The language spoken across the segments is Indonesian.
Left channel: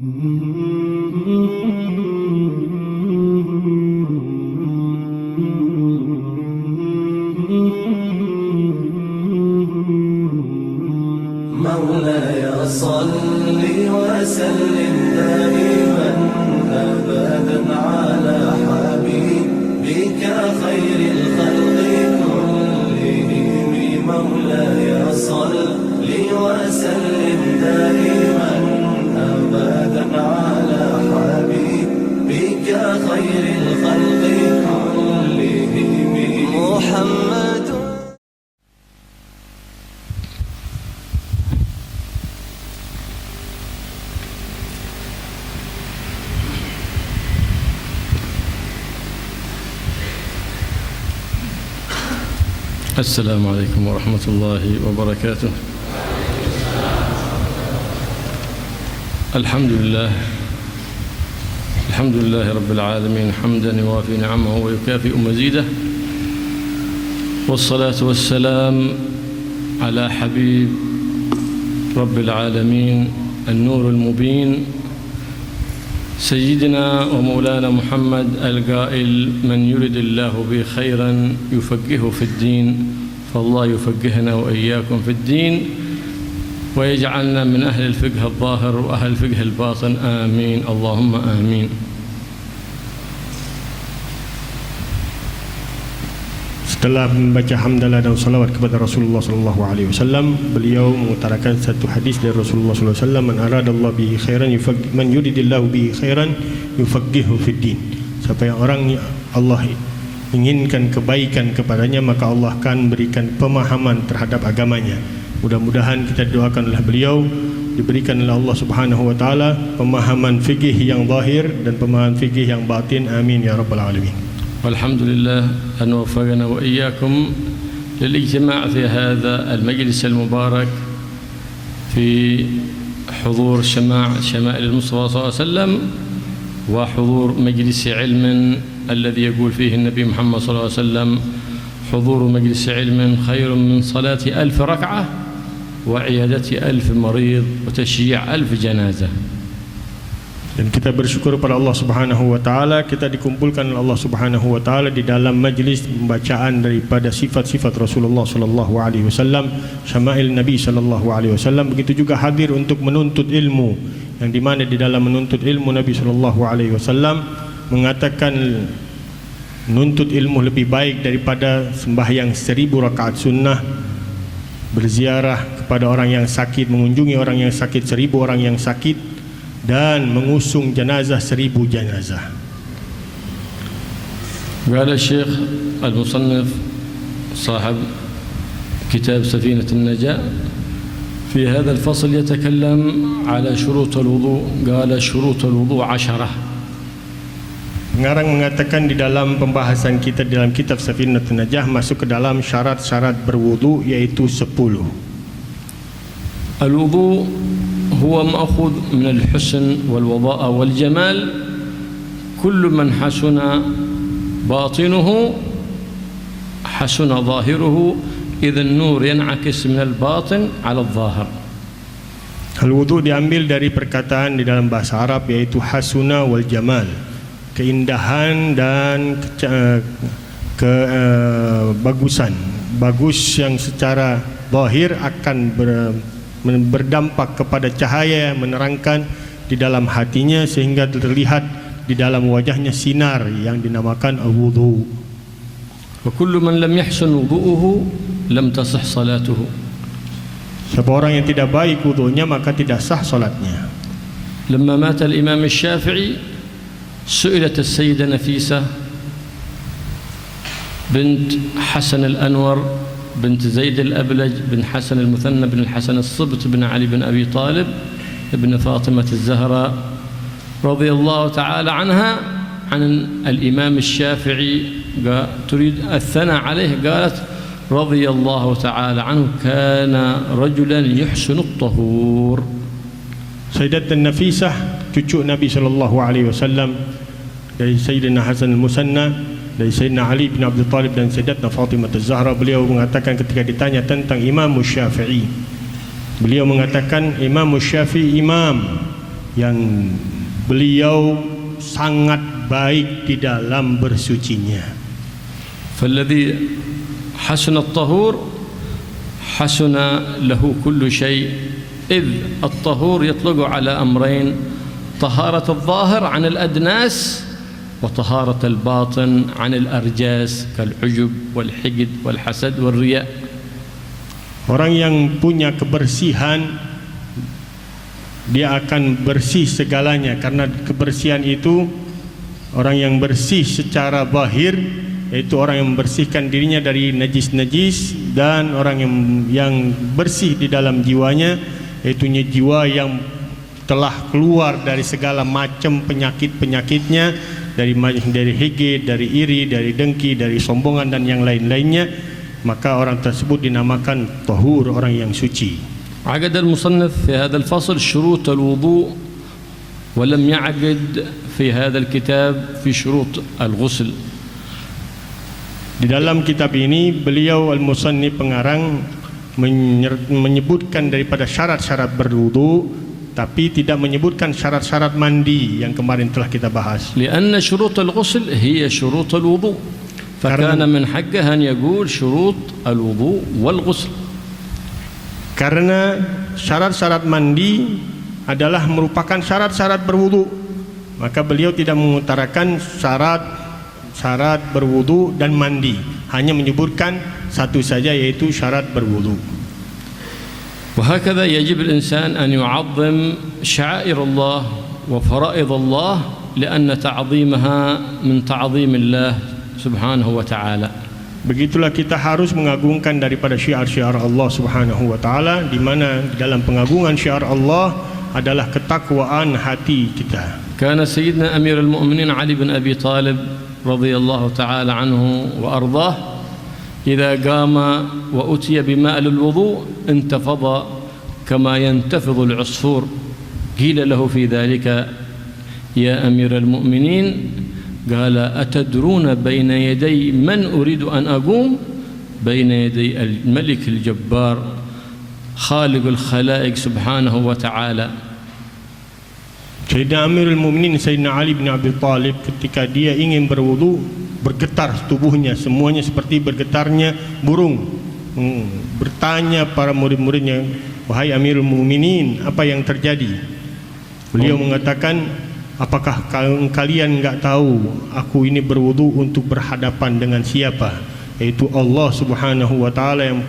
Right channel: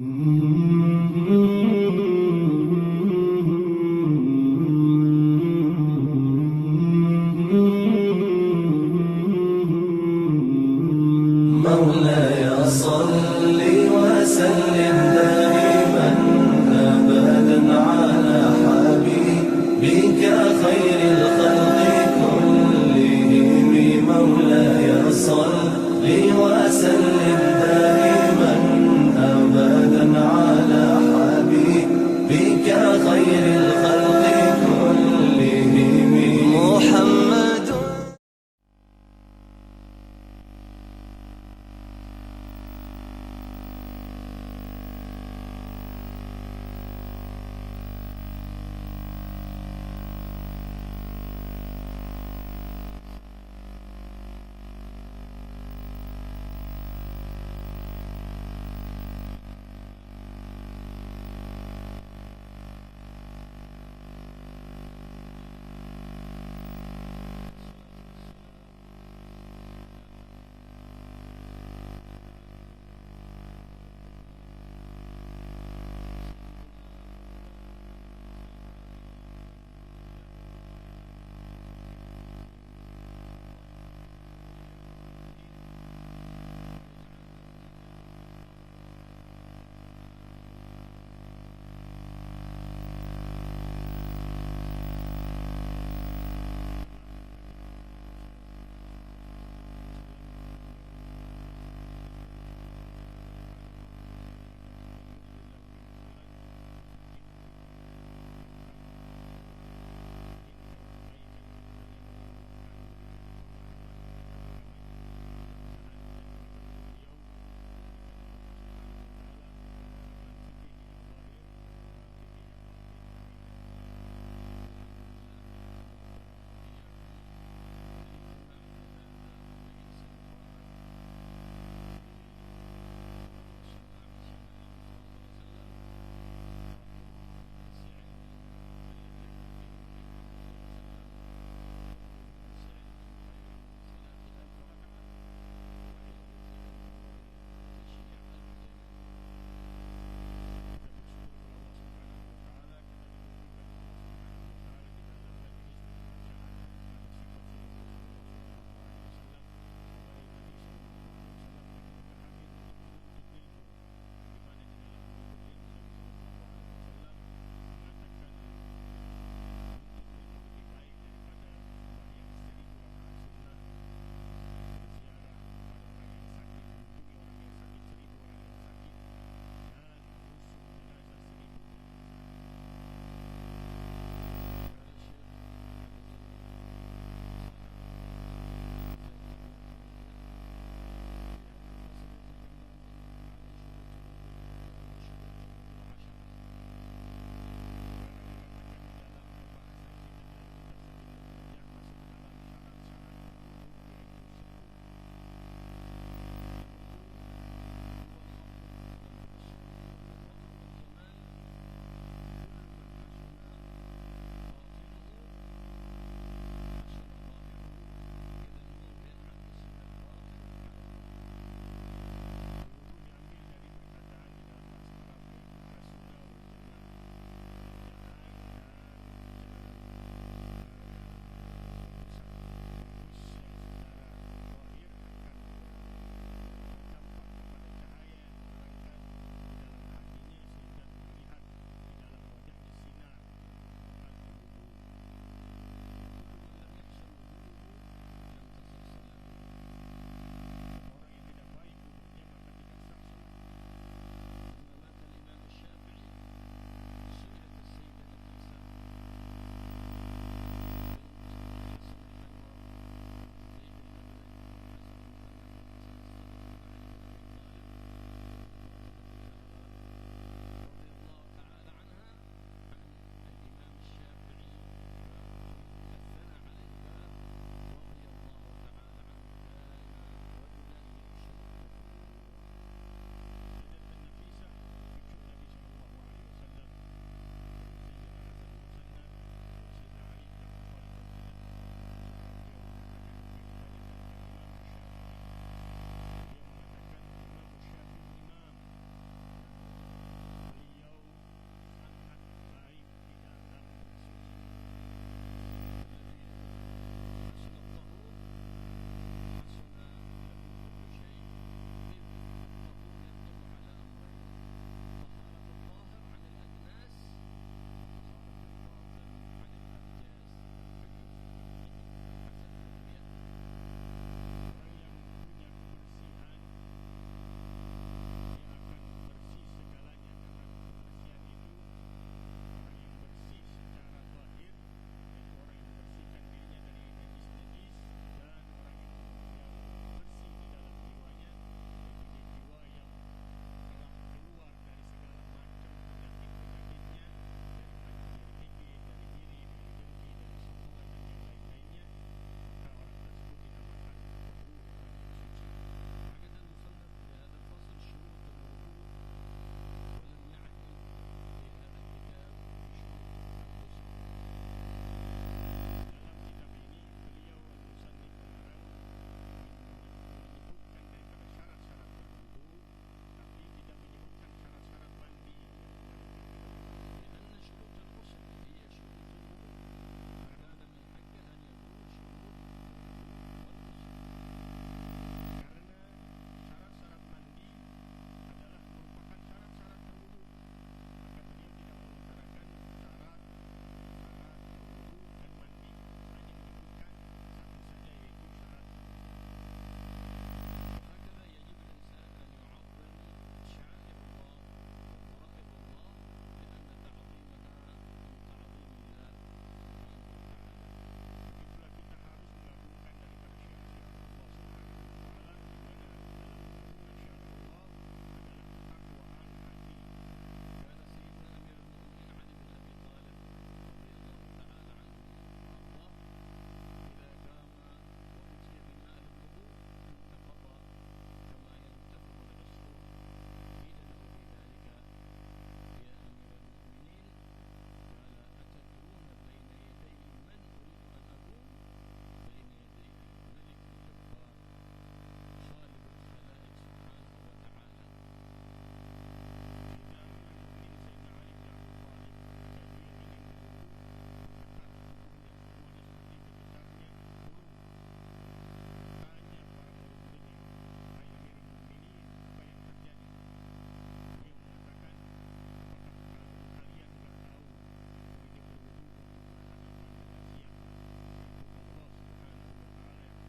مولاي صل وسلم دائما أبدا على حبيبك خير الخلق كلهم. مولاي صل وسلم دائما أبدا على حبيبك خير الخلق كلهم محمد. السلام عليكم ورحمة الله وبركاته. الحمد لله رب العالمين حمدا يوافي نعمه ويكافئ مزيده، والصلاة والسلام على حبيب رب العالمين النور المبين سيدنا ومولانا محمد القائل: من يرد الله به خيرا يفقهه في الدين. فالله يفقهنا وإياكم في الدين ويجعلنا من أهل الفقه الظاهر وأهل الفقه الباطن، آمين اللهم آمين. Setelah membaca hamdalah dan salawat kepada Rasulullah sallallahu alaihi wasallam, beliau mengutarakan satu hadis dari Rasulullah sallallahu alaihi wasallam: "Man aradallahu bihi khairan man yuridillahu bihi khairan yufaqihuhu fid din." Siapa yang orang Allah inginkan kebaikan kepadanya, maka Allah akan berikan pemahaman terhadap agamanya. Mudah-mudahan kita doakan oleh beliau diberikan oleh Allah Subhanahu wa taala pemahaman fikih yang zahir dan pemahaman fikih yang batin. Amin ya rabbal alamin. والحمد لله أن وفقنا وإياكم للاجتماع في هذا المجلس المبارك في حضور شمائل المصطفى صلى الله عليه وسلم، وحضور مجلس علم الذي يقول فيه النبي محمد صلى الله عليه وسلم: حضور مجلس علم خير من صلاة 1000 ركعة وعيادة 1000 مريض وتشييع 1000 جنازة. Dan kita bersyukur kepada Allah Subhanahu wa taala, kita dikumpulkan oleh Allah Subhanahu wa taala di dalam majlis pembacaan daripada sifat-sifat Rasulullah sallallahu alaihi wasallam, syama'il Nabi sallallahu alaihi wasallam. Begitu juga hadir untuk menuntut ilmu, yang di mana di dalam menuntut ilmu Nabi sallallahu alaihi wasallam mengatakan menuntut ilmu lebih baik daripada sembahyang 1000 rakaat sunnah, berziarah kepada orang yang sakit, mengunjungi orang yang sakit 1000 orang yang sakit, dan mengusung jenazah 1000 jenazah. قال الشيخ المصنف صاحب كتاب سفينة النجاة في هذا الفصل يتكلم على شروط الوضوء. قال شروط الوضوء 10. Pengarang mengatakan di dalam pembahasan kita dalam kitab Safinatun Najah masuk ke dalam syarat-syarat berwudu, yaitu 10. الوضوء هو مأخوذ من الحسن والوضاء والجمال. كل من حسن باطنه حسن ظاهره، إذا النور ينعكس من الباطن على الظاهر. Al-wudu diambil dari perkataan di dalam bahasa Arab, yaitu hasuna wal jamal, keindahan dan kebagusan. Bagus yang secara zahir akan berdampak kepada cahaya yang menerangkan di dalam hatinya, sehingga terlihat di dalam wajahnya sinar yang dinamakan al-wudu. Wa kullu man lam yahsun wudu'uhu lam tasih salatuhu. Siapa orang yang tidak baik wudunya, maka tidak sah salatnya. Lamma mata al-Imam Asy-Syafi'i su'ilat as-Sayyidah Nafisah bint Hasan al-Anwar بنت زيد الأبلج بن حسن المثنى بن الحسن الصبت بن علي بن أبي طالب ابن فاطمة الزهراء رضي الله تعالى عنها عن الإمام الشافعي، تريد الثناء عليه، قالت: رضي الله تعالى عنه كان رجلا يحسن الطهور. Sayyidatun Nafisah, cucu Nabi sallallahu alaihi wasallam, dari Sayyidina Hasan al-Musanna, dari Sayyidina Ali bin Abi Talib dan Sayyidatna Fatimah Az-Zahra. Beliau mengatakan ketika ditanya tentang Imam Syafi'i, beliau mengatakan Imam Syafi'i imam, yang beliau sangat baik di dalam bersucinya. فالذي حسن الطهور حسن له كل شيء إذ الطهور يطلق على أمرين: طهارة الظاهر عن الأدناس وطهارة الباطن عن الأرجاس كالعجب والحقد والحسد والرياء. Orang yang punya kebersihan, dia akan bersih segalanya, karena kebersihan itu orang yang bersih secara zahir, yaitu orang yang membersihkan dirinya dari najis-najis, dan orang yang bersih di dalam jiwanya, yaitu jiwa yang telah keluar dari segala macam penyakit-penyakitnya, dari hege, dari iri, dari dengki, dari sombongan dan yang lain-lainnya, maka orang tersebut dinamakan tahur, orang yang suci. عقد المصنف في هذا الفصل شروط الوضوء ولم يعقد في هذا الكتاب في شروط الغسل. Di dalam kitab ini beliau al-musannif pengarang menyebutkan daripada syarat-syarat berwudu, tapi tidak menyebutkan syarat-syarat mandi yang kemarin telah kita bahas. لأن شروط الغسل هي شروط الوضوء فكان من حقه أن يقول شروط الوضوء والغسل. Karena syarat-syarat mandi adalah merupakan syarat-syarat berwudu, maka beliau tidak mengutarakan syarat berwudu dan mandi, hanya menyebutkan satu saja, yaitu syarat berwudu. وهكذا يجب الإنسان أن يعظم شعائر الله وفرائض الله لأن تعظيمها من تعظيم الله سبحانه وتعالى. Begitulah kita harus mengagungkan daripada syiar-syiar Allah Subhanahu wa taala, di mana dalam pengagungan syiar Allah adalah ketakwaan hati kita. كان سيدنا أمير المؤمنين علي بن أبي طالب رضي الله تعالى عنه وأرضاه إذا قام وأتي بماء للوضوء انتفض كما ينتفض العصفور. قيل له في ذلك: يا أمير المؤمنين، قال: أتدرون بين يدي من أريد أن أقوم؟ بين يدي الملك الجبار خالق الخلائق سبحانه وتعالى. Sayyidina Amirul Mukminin Sayyidina Ali bin Abi Thalib ketika dia ingin berwudu, bergetar tubuhnya, semuanya seperti bergetarnya burung. Bertanya para murid-muridnya, "Wahai Amirul Mukminin, apa yang terjadi?" Beliau mengatakan, "Apakah kalian enggak tahu aku ini berwudu untuk berhadapan dengan siapa? Yaitu Allah Subhanahu wa taala, yang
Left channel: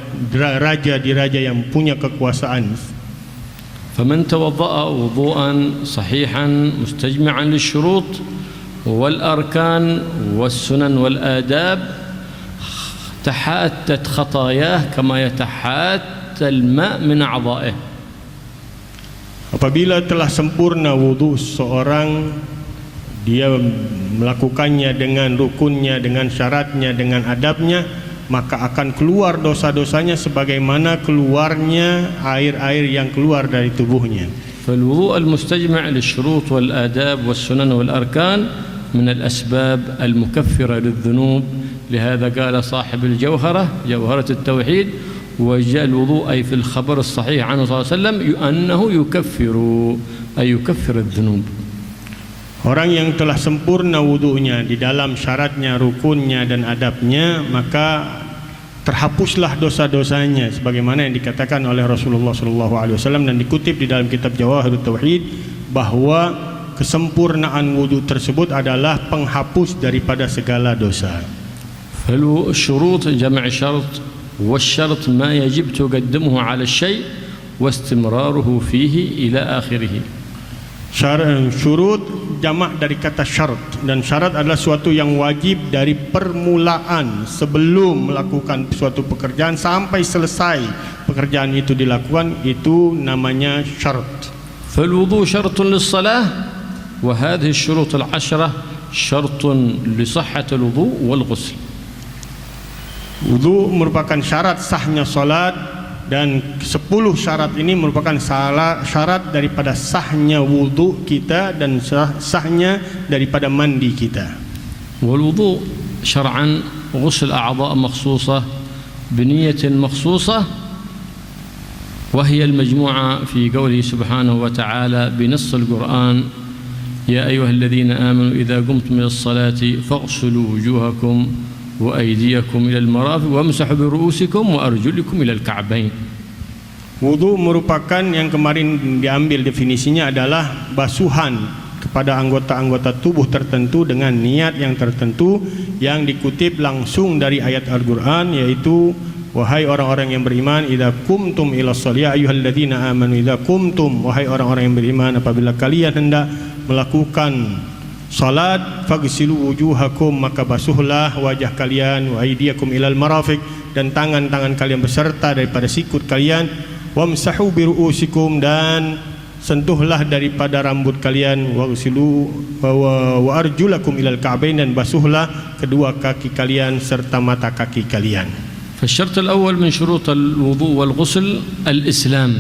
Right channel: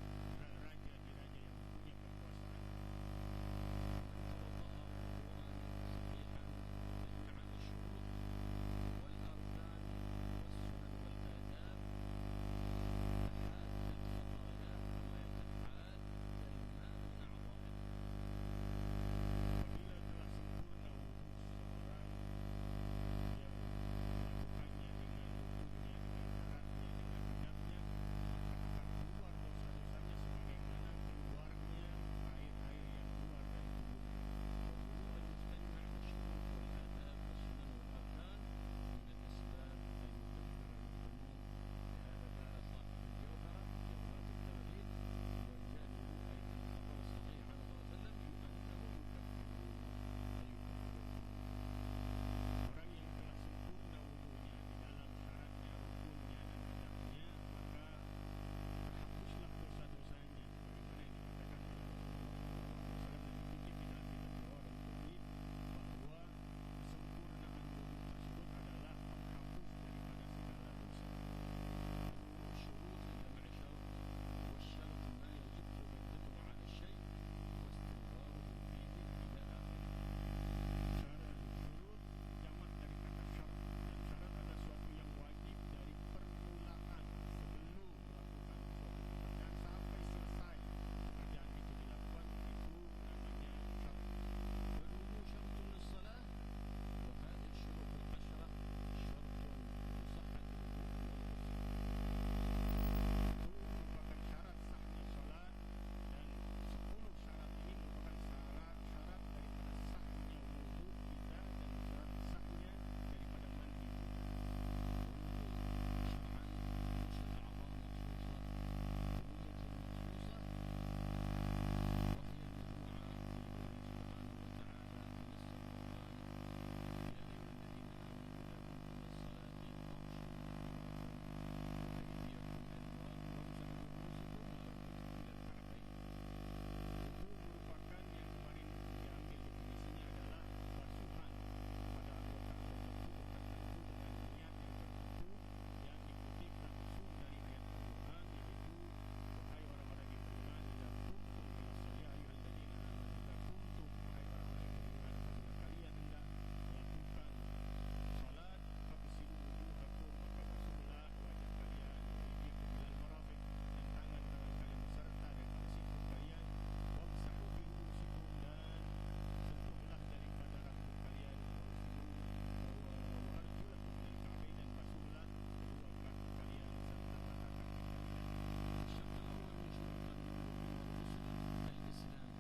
raja di raja, yang punya kekuasaan." فمن توضأ وضوءا صحيحا مستجمعا للشروط والأركان والسنن والآداب تحاتت خطاياه كما يتحات الماء من أعضائه. Apabila telah sempurna wudu seorang, dia melakukannya dengan rukunnya, dengan syaratnya, dengan adabnya, maka akan keluar dosa-dosanya sebagaimana keluarnya air-air yang keluar dari tubuhnya. فالوضوء المستجمع للشروط والآداب والسنن والأركان من الأسباب المكفرة للذنوب. لهذا قال صاحب الجوهرة، جوهرة التوحيد: وجاء الوضوء أي في الخبر الصحيح عنه صلى الله عليه وسلم أنه يكفر، أي يكفر الذنوب. Orang yang telah sempurna wudunya di dalam syaratnya, rukunnya dan adabnya, maka terhapuslah dosa-dosanya sebagaimana yang dikatakan oleh Rasulullah SAW dan dikutip di dalam kitab Jawahirut Tauhid, bahwa kesempurnaan wudu tersebut adalah penghapus daripada segala dosa. فالشروط جمع شرط، والشرط ما يجب تقدمه على الشيء واستمراره فيه إلى آخره. Syurut jamak dari kata syarat, dan syarat adalah suatu yang wajib dari permulaan sebelum melakukan suatu pekerjaan sampai selesai pekerjaan itu dilakukan, itu namanya syarat. فالوضوء شرط للصلاة، وهذه الشروط العشرة شرط لصحة الوضوء والغسل. Wudu merupakan syarat sahnya salat, dan 10 syarat ini merupakan syarat daripada sahnya wudu kita dan sahnya daripada mandi kita. والوضوء شرعا غسل أعضاء مخصوصة بنية مخصوصة وهي المجموعة في قوله سبحانه وتعالى بنص القرآن: يا أيها الذين آمنوا إذا قمتم إلى الصلاة فاغسلوا وجوهكم وأيديكم إلى المرافق وامسحوا برؤوسكم وأرجلكم إلى الكعبين. Wudu merupakan yang kemarin diambil definisinya adalah basuhan kepada anggota-anggota tubuh tertentu dengan niat yang tertentu yang dikutip langsung dari ayat Al-Quran, yaitu wahai orang-orang yang beriman, idza qumtum ila shalah, ya ayyuhalladzina amanu idza qumtum, wahai orang-orang yang beriman, apabila kalian hendak melakukan salat, faghsilu wujuhakum, maka basuhlah wajah kalian, wa aydiyakum ilal marafiq, dan tangan-tangan kalian beserta daripada sikut kalian, wamsahu biruusikum, dan sentuhlah daripada rambut kalian, waghsilu wa arjulakum ilal ka'bain, dan basuhlah kedua kaki kalian serta mata kaki kalian. فالشرط الأول من شروط الوضوء والغسل الإسلام.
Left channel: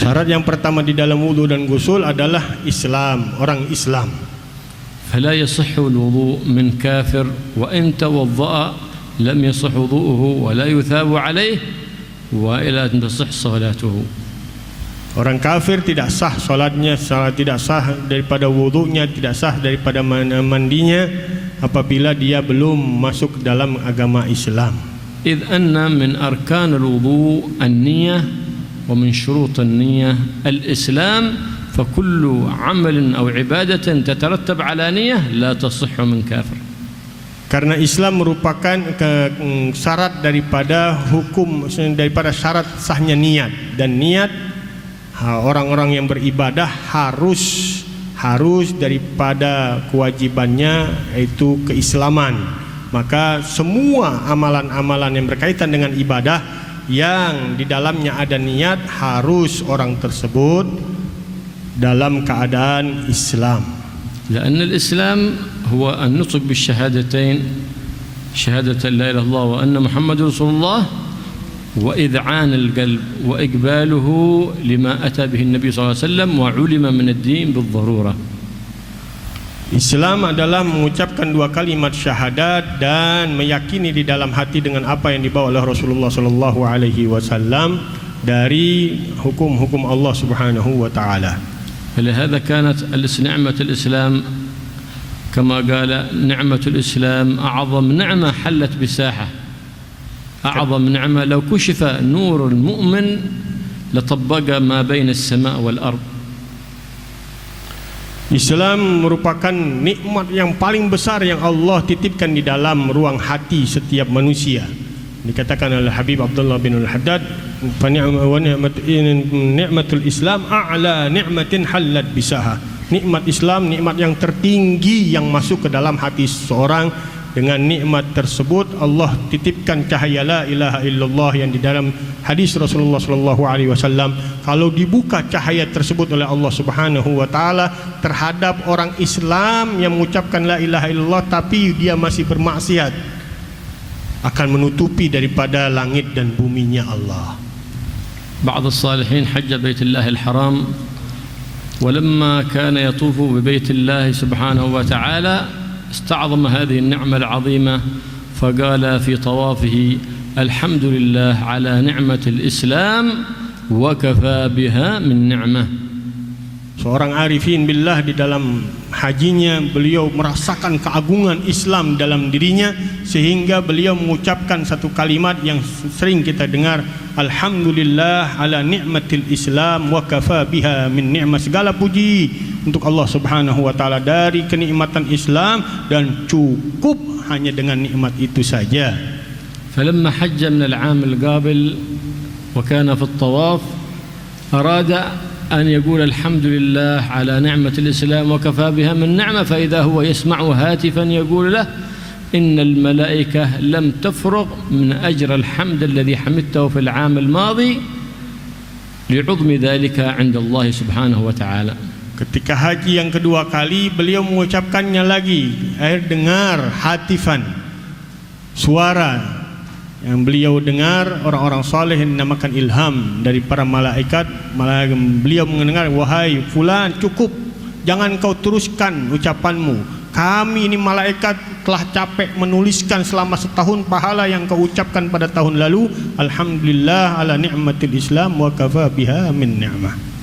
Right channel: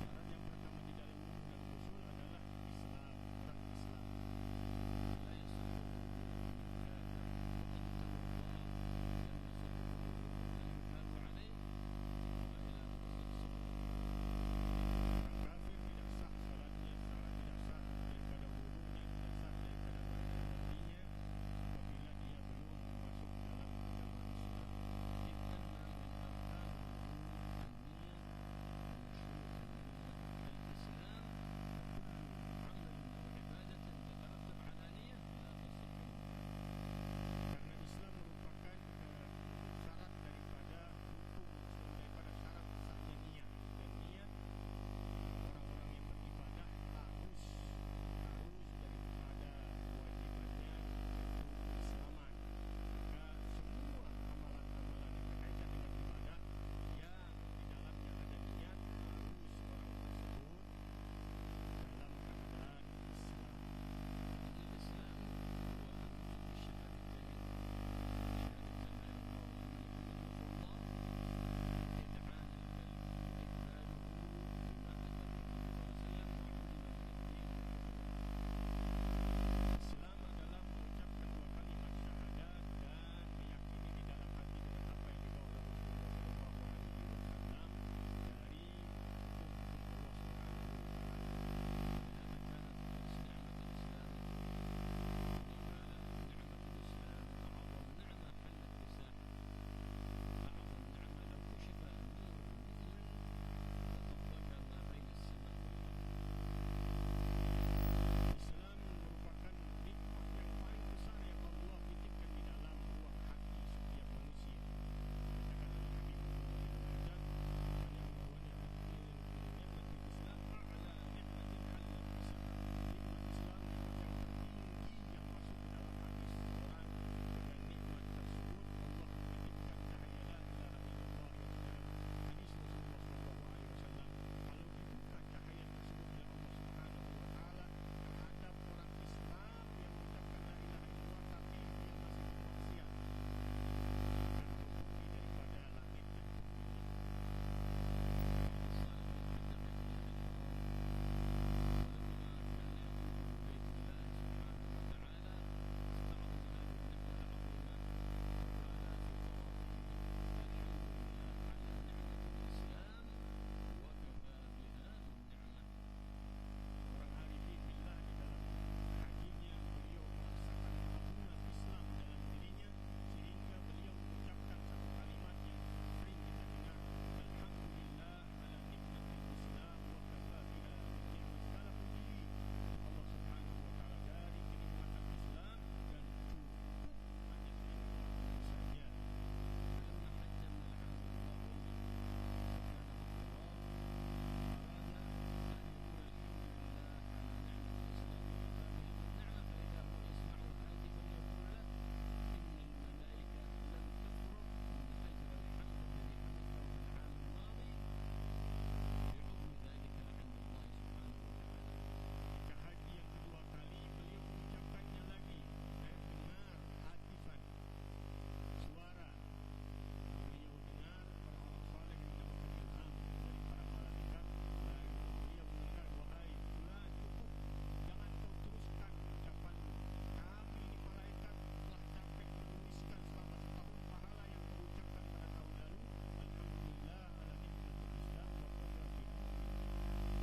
Syarat yang pertama di dalam wudu dan gusul adalah Islam, orang Islam. فلا يصح الوضوء من كافر وإن توضأ لم يصح وضوءه ولا يثاب عليه وإلى أن تصح صلاته. Orang kafir tidak sah salatnya, tidak sah daripada wudunya, tidak sah daripada mandinya apabila dia belum masuk dalam agama Islam. إذ أن من أركان الوضوء النية ومن شروط النية الإسلام، فكل عمل أو عبادة تترتب على نية لا تصح من كافر. Karena Islam merupakan syarat daripada hukum, daripada syarat sahnya niat, dan niat orang-orang yang beribadah harus daripada kewajibannya yaitu keislaman. Maka semua amalan-amalan yang berkaitan dengan ibadah yang di dalamnya ada niat harus orang tersebut dalam keadaan Islam. لأن الإسلام هو النطق بالشهادتين، شهادة لا إله إلا الله وأن محمد رسول الله، وإذعان القلب وإقباله لما أتى به النبي صلى الله عليه وسلم وعلم من الدين بالضرورة. Islam adalah mengucapkan dua kalimat syahadat dan meyakini di dalam hati dengan apa yang dibawa oleh Rasulullah sallallahu alaihi wasallam dari hukum-hukum Allah Subhanahu wa taala. فلهذا كانت نعمة الإسلام كما قال نعمة الإسلام أعظم نعمة حلت بساحة، أعظم نعمة لو كشف نور المؤمن لطبق ما بين السماء والأرض. Islam merupakan nikmat yang paling besar yang Allah titipkan di dalam ruang hati setiap manusia. Dikatakan oleh Habib Abdullah bin Al-Haddad, fa ni'matul Islam a'la ni'matin halat bisaha. Nikmat Islam, nikmat yang tertinggi yang masuk ke dalam hati seseorang. Dengan nikmat tersebut Allah titipkan cahaya la ilaha illallah yang di dalam hadis Rasulullah sallallahu alaihi wasallam, kalau dibuka cahaya tersebut oleh Allah Subhanahu wa taala terhadap orang Islam yang mengucapkan la ilaha illallah tapi dia masih bermaksiat, akan menutupi daripada langit dan buminya Allah. بعض الصالحين حج بيت الله الحرام ولما كان يطوف ببيت الله سبحانه وتعالى استعظم هذه النعمة العظيمة فقال في طوافه الحمد لله على نعمة الإسلام وكفى بها من نعمة. Seorang arifin billah di dalam hajinya beliau merasakan keagungan Islam dalam dirinya sehingga beliau mengucapkan satu kalimat yang sering kita dengar, alhamdulillah ala ni'matil Islam wa kafa biha min ni'mah. Segala puji untuk Allah Subhanahu wa taala dari kenikmatan Islam dan cukup hanya dengan nikmat itu saja. فلما حج من العام القابل وكان في الطواف أراد أن يقول الحمد لله على نعمة الإسلام وكفى بها من نعمة، فإذا هو يسمع هاتفا يقول له إن الملائكة لم تفرغ من أجر الحمد الذي حمدته في العام الماضي لعظم ذلك عند الله سبحانه وتعالى. Ketika haji yang kedua kali beliau mengucapkannya lagi, dengar hatifan, suara yang beliau dengar orang-orang saleh yang dinamakan ilham dari para malaikat. Beliau mendengar, wahai fulan, cukup, jangan kau teruskan ucapanmu, kami ini malaikat telah capek menuliskan selama setahun pahala yang kau ucapkan pada tahun lalu. Alhamdulillah ala ni'matil Islam wa kafa biha min ni'mah.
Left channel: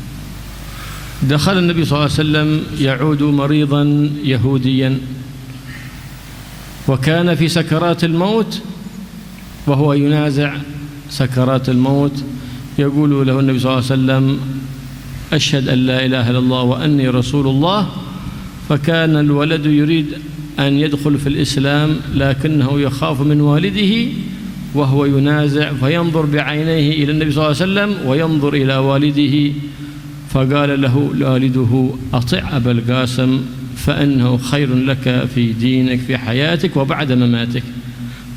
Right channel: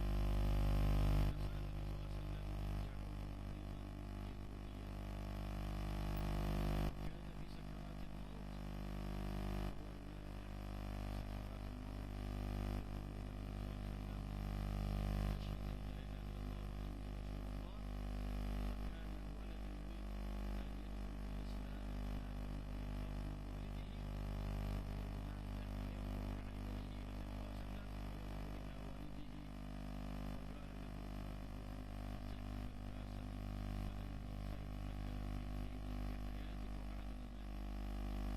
دخل النبي صلى الله عليه وسلم يعود مريضا يهوديا وكان في سكرات الموت وهو ينازع سكرات الموت. يقول له النبي صلى الله عليه وسلم أشهد أن لا إله إلا الله وأني رسول الله. فكان الولد يريد أن يدخل في الإسلام لكنه يخاف من والده وهو ينازع فينظر بعينيه إلى النبي صلى الله عليه وسلم وينظر إلى والده. فقال له والده أطع أبا القاسم فإنه خير لك في دينك في حياتك وبعد مماتك.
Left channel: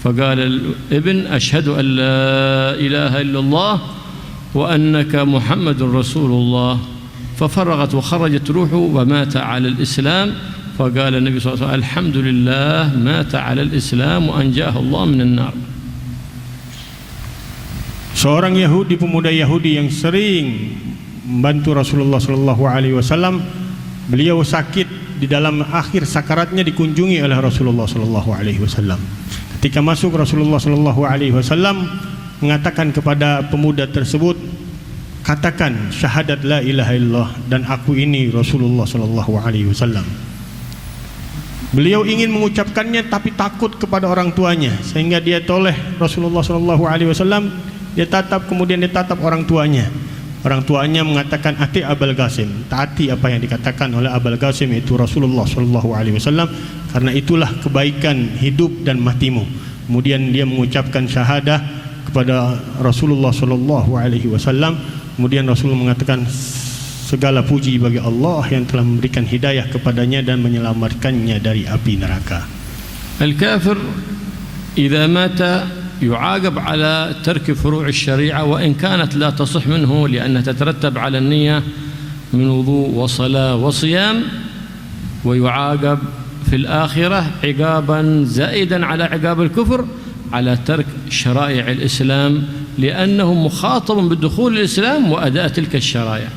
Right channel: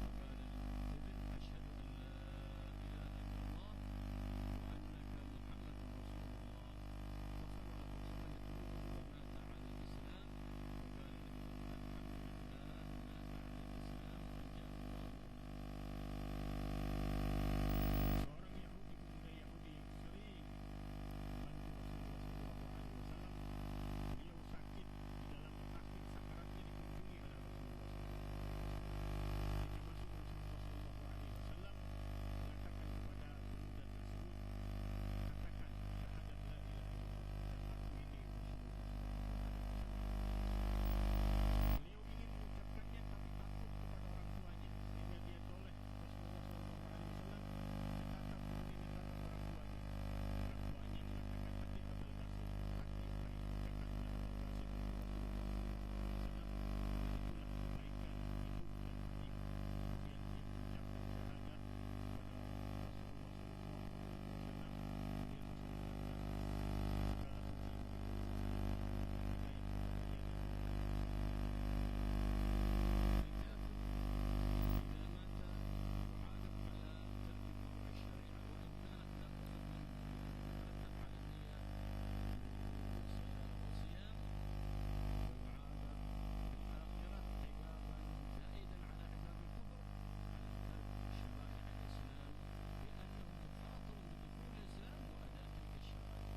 فقال الابن أشهد أن لا إله إلا الله وأنك محمد رسول الله. ففرغت وخرجت روحه ومات على الإسلام. فقال النبي صلى الله عليه وسلم الحمد لله مات على الإسلام وأنجاه الله من النار. Seorang Yahudi, pemuda Yahudi yang sering membantu Rasulullah sallallahu alaihi wasallam, beliau sakit di dalam akhir sakaratnya dikunjungi oleh Rasulullah sallallahu alaihi wasallam. Ketika masuk, Rasulullah sallallahu alaihi wasallam mengatakan kepada pemuda tersebut, katakan syahadat la ilaha illallah dan aku ini Rasulullah sallallahu alaihi wasallam. Beliau ingin mengucapkannya tapi takut kepada orang tuanya, sehingga dia toleh Rasulullah sallallahu alaihi wasallam. Dia tatap, kemudian dia tatap orang tuanya. Orang tuanya mengatakan ati Abul Qasim, taati apa yang dikatakan oleh Abul Qasim, itu Rasulullah sallallahu alaihi wasallam, karena itulah kebaikan hidup dan matimu. Kemudian dia mengucapkan syahadah kepada Rasulullah sallallahu alaihi wasallam. Kemudian Rasul mengatakan segala puji bagi Allah yang telah memberikan hidayah kepadanya dan menyelamatkannya dari api neraka. Al-kafir idza mata يعاقب على ترك فروع الشريعة وإن كانت لا تصح منه لأنها تترتب على النية من وضوء وصلاة وصيام، ويعاقب في الآخرة عقابا زائدا على عقاب الكفر على ترك شرائع الإسلام لأنه مخاطب بالدخول الإسلام وأداء تلك الشرائع.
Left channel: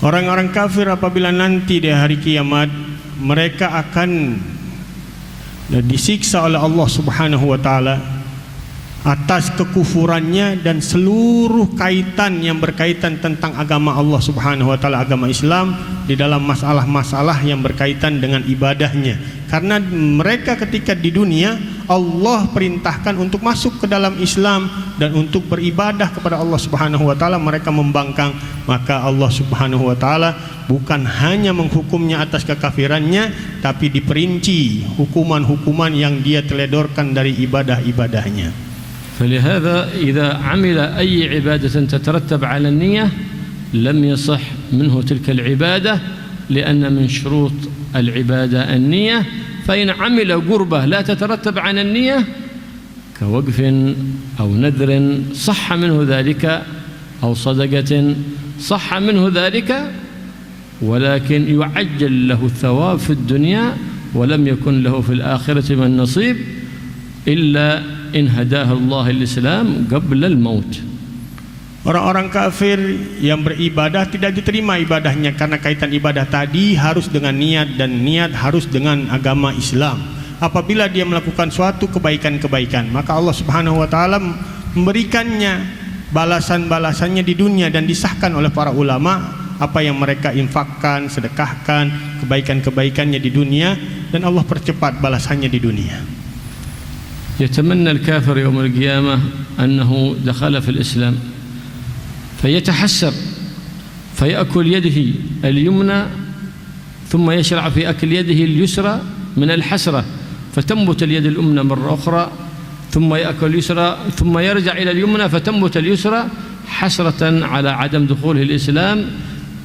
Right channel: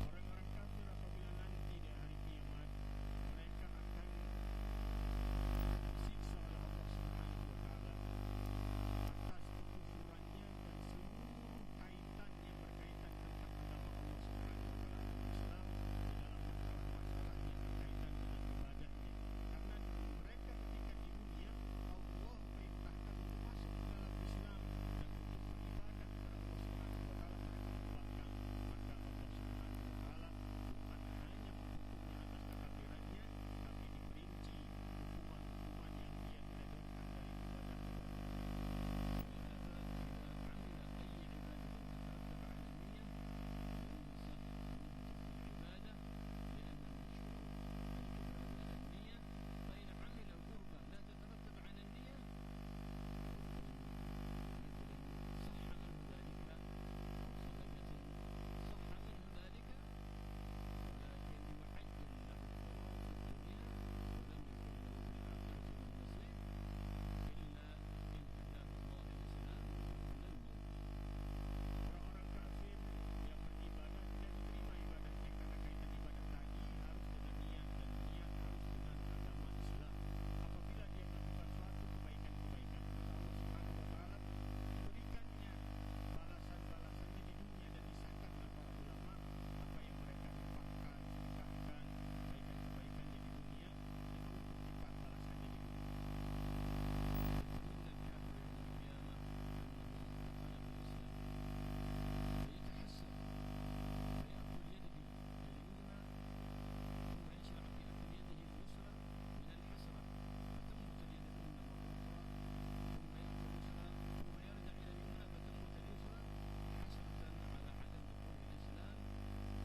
Orang-orang kafir apabila nanti di hari kiamat mereka akan disiksa oleh Allah Subhanahu wa taala atas kekufurannya dan seluruh kaitan yang berkaitan tentang agama Allah Subhanahu wa taala, agama Islam, di dalam masalah-masalah yang berkaitan dengan ibadahnya. Karena mereka ketika di dunia Allah perintahkan untuk masuk ke dalam Islam dan untuk beribadah kepada Allah Subhanahu wa taala, mereka membangkang, maka Allah Subhanahu wa taala bukan hanya menghukumnya atas kekafirannya, tapi diperinci hukuman-hukuman yang dia teledorkan dari ibadah-ibadahnya. فلهذا إذا عمل أي عبادة تترتب على النية لم يصح منه تلك العبادة، لأن من شروط العبادة النية. فإن عمل قربة لا تترتب على النية كوقف أو نذر صح منه ذلك، أو صدقة صح منه ذلك، ولكن يعجل له الثواب في الدنيا ولم يكن له في الآخرة من نصيب إلا in hadahullah al-Islam qabla al-maut. Orang-orang kafir yang beribadah tidak diterima ibadahnya karena kaitan ibadah tadi harus dengan niat, dan niat harus dengan agama Islam. Apabila dia melakukan suatu kebaikan-kebaikan, maka Allah Subhanahu wa taala memberikannya balasan-balasannya di dunia, dan disahkan oleh para ulama apa yang mereka infakkan, sedekahkan, kebaikan-kebaikannya di dunia, dan Allah percepat balasannya di dunia. يتمنى الكافر يوم القيامة أنه دخل في الإسلام فيتحسر فيأكل يده اليمنى ثم يشرع في أكل يده اليسرى من الحسرة، فتنبت اليد اليمنى مرة أخرى ثم يأكل اليسرى ثم يرجع إلى اليمنى فتنبت اليسرى حسرة على عدم دخوله الإسلام،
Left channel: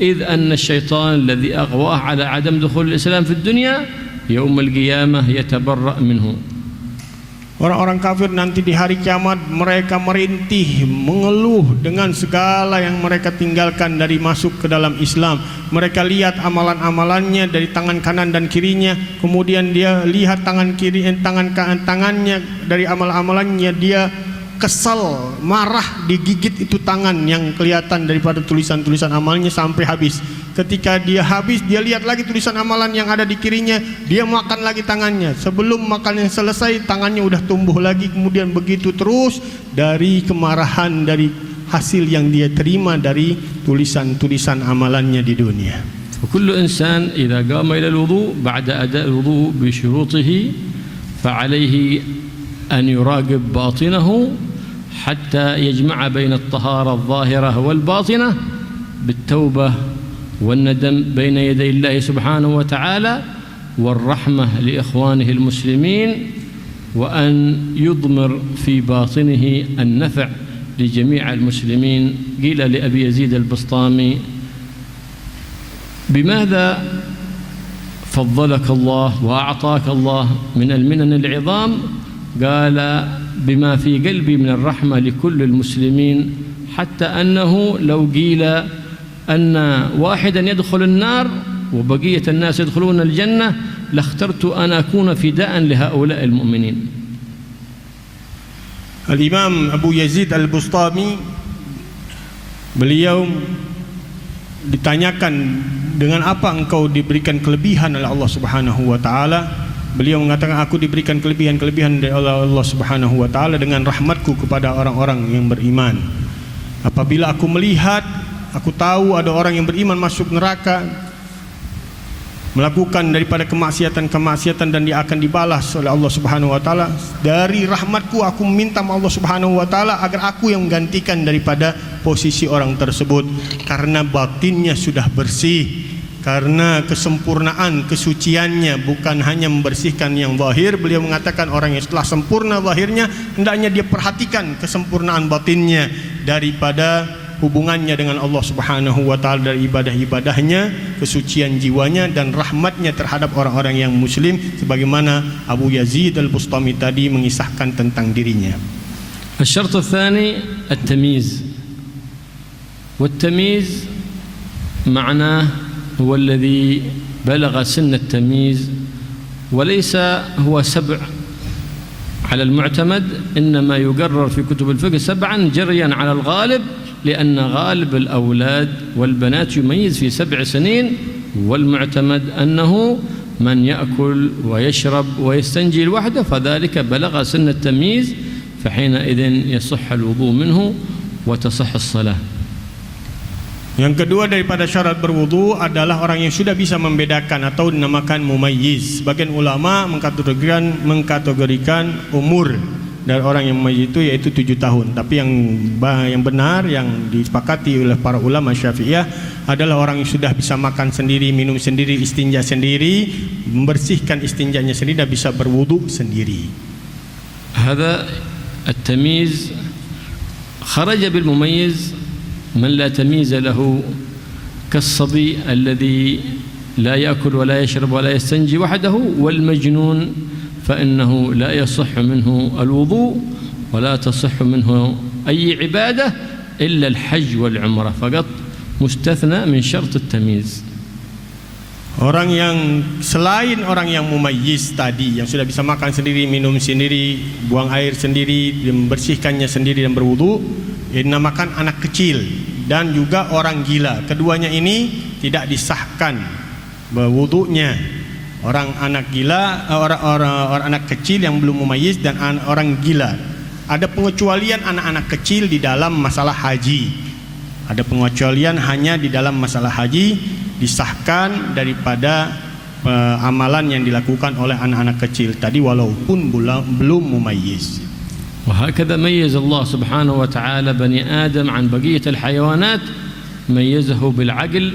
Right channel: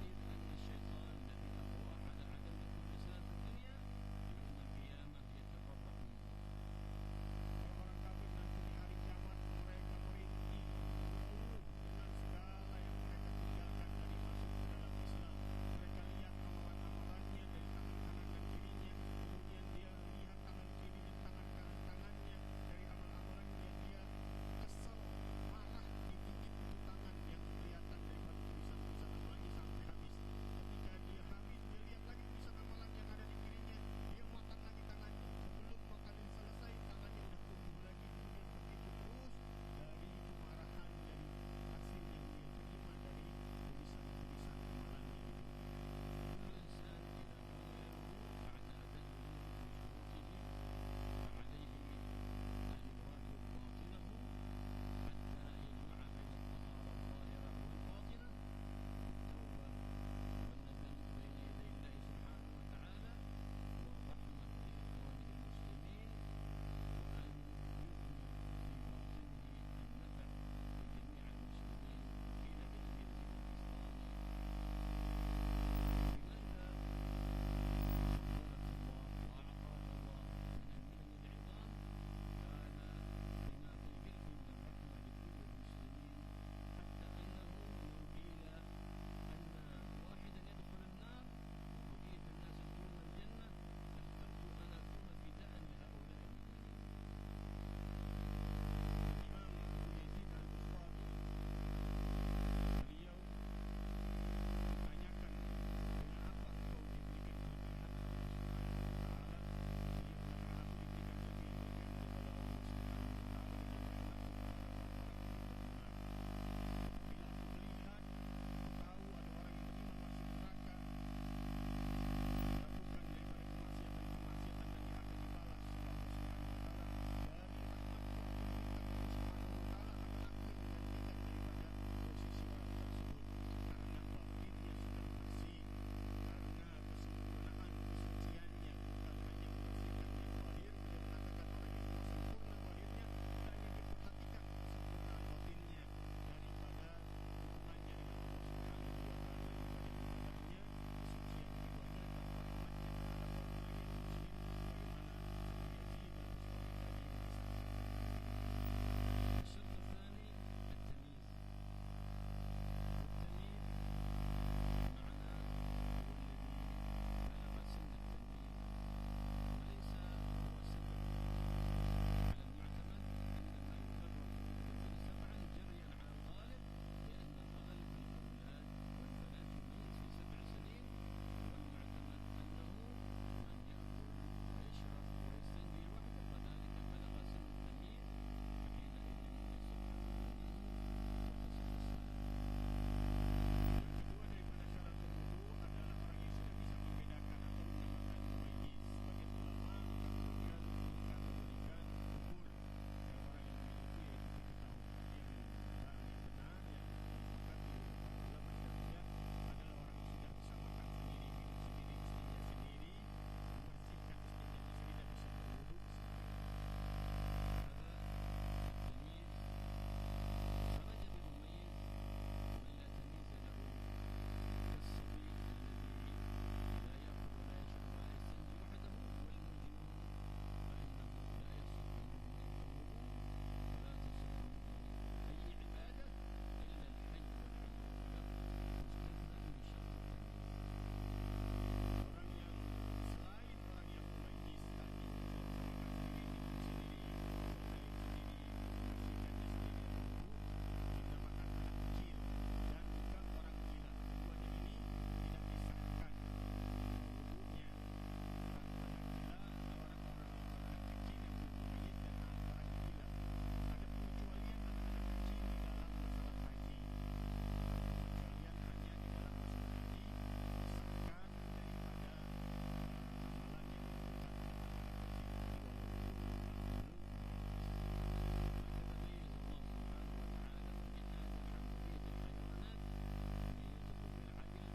إذ أن الشيطان الذي أغواه على عدم دخول الإسلام في الدنيا يوم القيامة يتبرأ منه. Orang-orang kafir nanti di hari kiamat mereka merintih, mengeluh dengan segala yang mereka tinggalkan dari masuk ke dalam Islam. Mereka lihat amalan-amalannya dari tangan kanan dan kirinya, kemudian dia lihat tangannya dari amal-amalannya, dia kesal, marah, digigit itu tangan yang kelihatan daripada tulisan-tulisan amalnya sampai habis. Ketika dia habis, dia lihat lagi tulisan amalan yang ada di kirinya, dia makan lagi tangannya. Sebelum makan yang selesai, tangannya udah tumbuh lagi. Kemudian begitu terus dari kemarahan, dari hasil yang dia terima dari tulisan-tulisan amalannya di dunia. وكل إنسان إذا قام إلى الوضوء بعد أداء الوضوء بشروطه فعليه أن يراقب باطنه حتى يجمع بين الطهارة الظاهرة والباطنة بالتوبة والندم بين يدي الله سبحانه وتعالى والرحمة لإخوانه المسلمين وأن يضمر في باطنه النفع لجميع المسلمين. قيل لأبي يزيد البسطامي بماذا فضلك الله وأعطاك الله من المنن العظام؟ قال بما في قلبي من الرحمة لكل المسلمين حتى أنه لو قيل أن واحدا يدخل النار وبقية الناس يدخلون الجنة لاخترت أن أكون فداء لهؤلاء المؤمنين. Al-Imam Abu Yazid Al-Bustami, beliau ditanyakan, dengan apa engkau diberikan kelebihan oleh Allah Subhanahu wa taala? Beliau mengatakan, aku diberikan kelebihan-kelebihan dari Allah Subhanahu wa taala dengan rahmatku kepada orang-orang yang beriman. Apabila aku melihat, aku tahu ada orang yang beriman masuk neraka, melakukan daripada kemaksiatan-kemaksiatan, dan dia akan dibalas oleh Allah Subhanahu wa taala. Dari rahmatku aku meminta Allah Subhanahu wa taala agar aku yang menggantikan daripada posisi orang tersebut, karena batinnya sudah bersih, karena kesempurnaan kesuciannya, bukan hanya membersihkan yang zahir. Beliau mengatakan orang yang setelah sempurna zahirnya, hendaknya dia perhatikan kesempurnaan batinnya daripada hubungannya dengan Allah Subhanahu wa taala, dari ibadah-ibadahnya, kesucian jiwanya, dan rahmatnya terhadap orang-orang yang muslim, sebagaimana Abu Yazid Al-Bustami tadi mengisahkan tentang dirinya. الشرط الثاني التمييز، والتمييز معناه هو الذي بلغ سن التمييز، وليس هو 7 على المعتمد، إنما يقرر في كتب الفقه 7 جريا على الغالب، لأن غالب الأولاد والبنات يميز في 7 سنين، والمعتمد أنه من يأكل ويشرب ويستنجي لوحده فذلك بلغ سن التمييز، فحينئذ يصح الوضوء منه وتصح الصلاة. Yang kedua daripada syarat berwudu adalah orang yang sudah bisa membedakan atau dinamakan mumayyiz. Sebagian ulama mengkategorikan umur dari orang yang mumayyiz itu yaitu 7 tahun. Tapi yang benar, yang disepakati oleh para ulama Syafi'iyah adalah orang yang sudah bisa makan sendiri, minum sendiri, istinja sendiri, membersihkan istinjanya sendiri, dan bisa berwudu sendiri. هذا التمييز خرج بالمميز من لا تمييز له كالصبي الذي لا يأكل ولا يشرب ولا يستنجي وحده، والمجنون فإنه لا يصح منه الوضوء ولا تصح منه أي عبادة إلا الحج والعمرة فقط، مستثنى من شرط التمييز. Orang yang selain orang yang mumayyiz tadi, yang sudah bisa makan sendiri, minum sendiri, buang air sendiri, membersihkannya sendiri dan berwudu, dinamakan anak kecil dan juga orang gila. Keduanya ini tidak disahkan berwudunya. Orang anak gila, orang anak kecil yang belum mumayyiz, dan orang gila. Ada pengecualian anak-anak kecil di dalam masalah haji. Ada pengecualian hanya di dalam masalah haji, disahkan daripada amalan yang dilakukan oleh anak-anak kecil tadi walaupun belum mumayyiz. وهكذا ميز الله سبحانه وتعالى بني آدم عن بقية الحيوانات، ميزه بالعقل،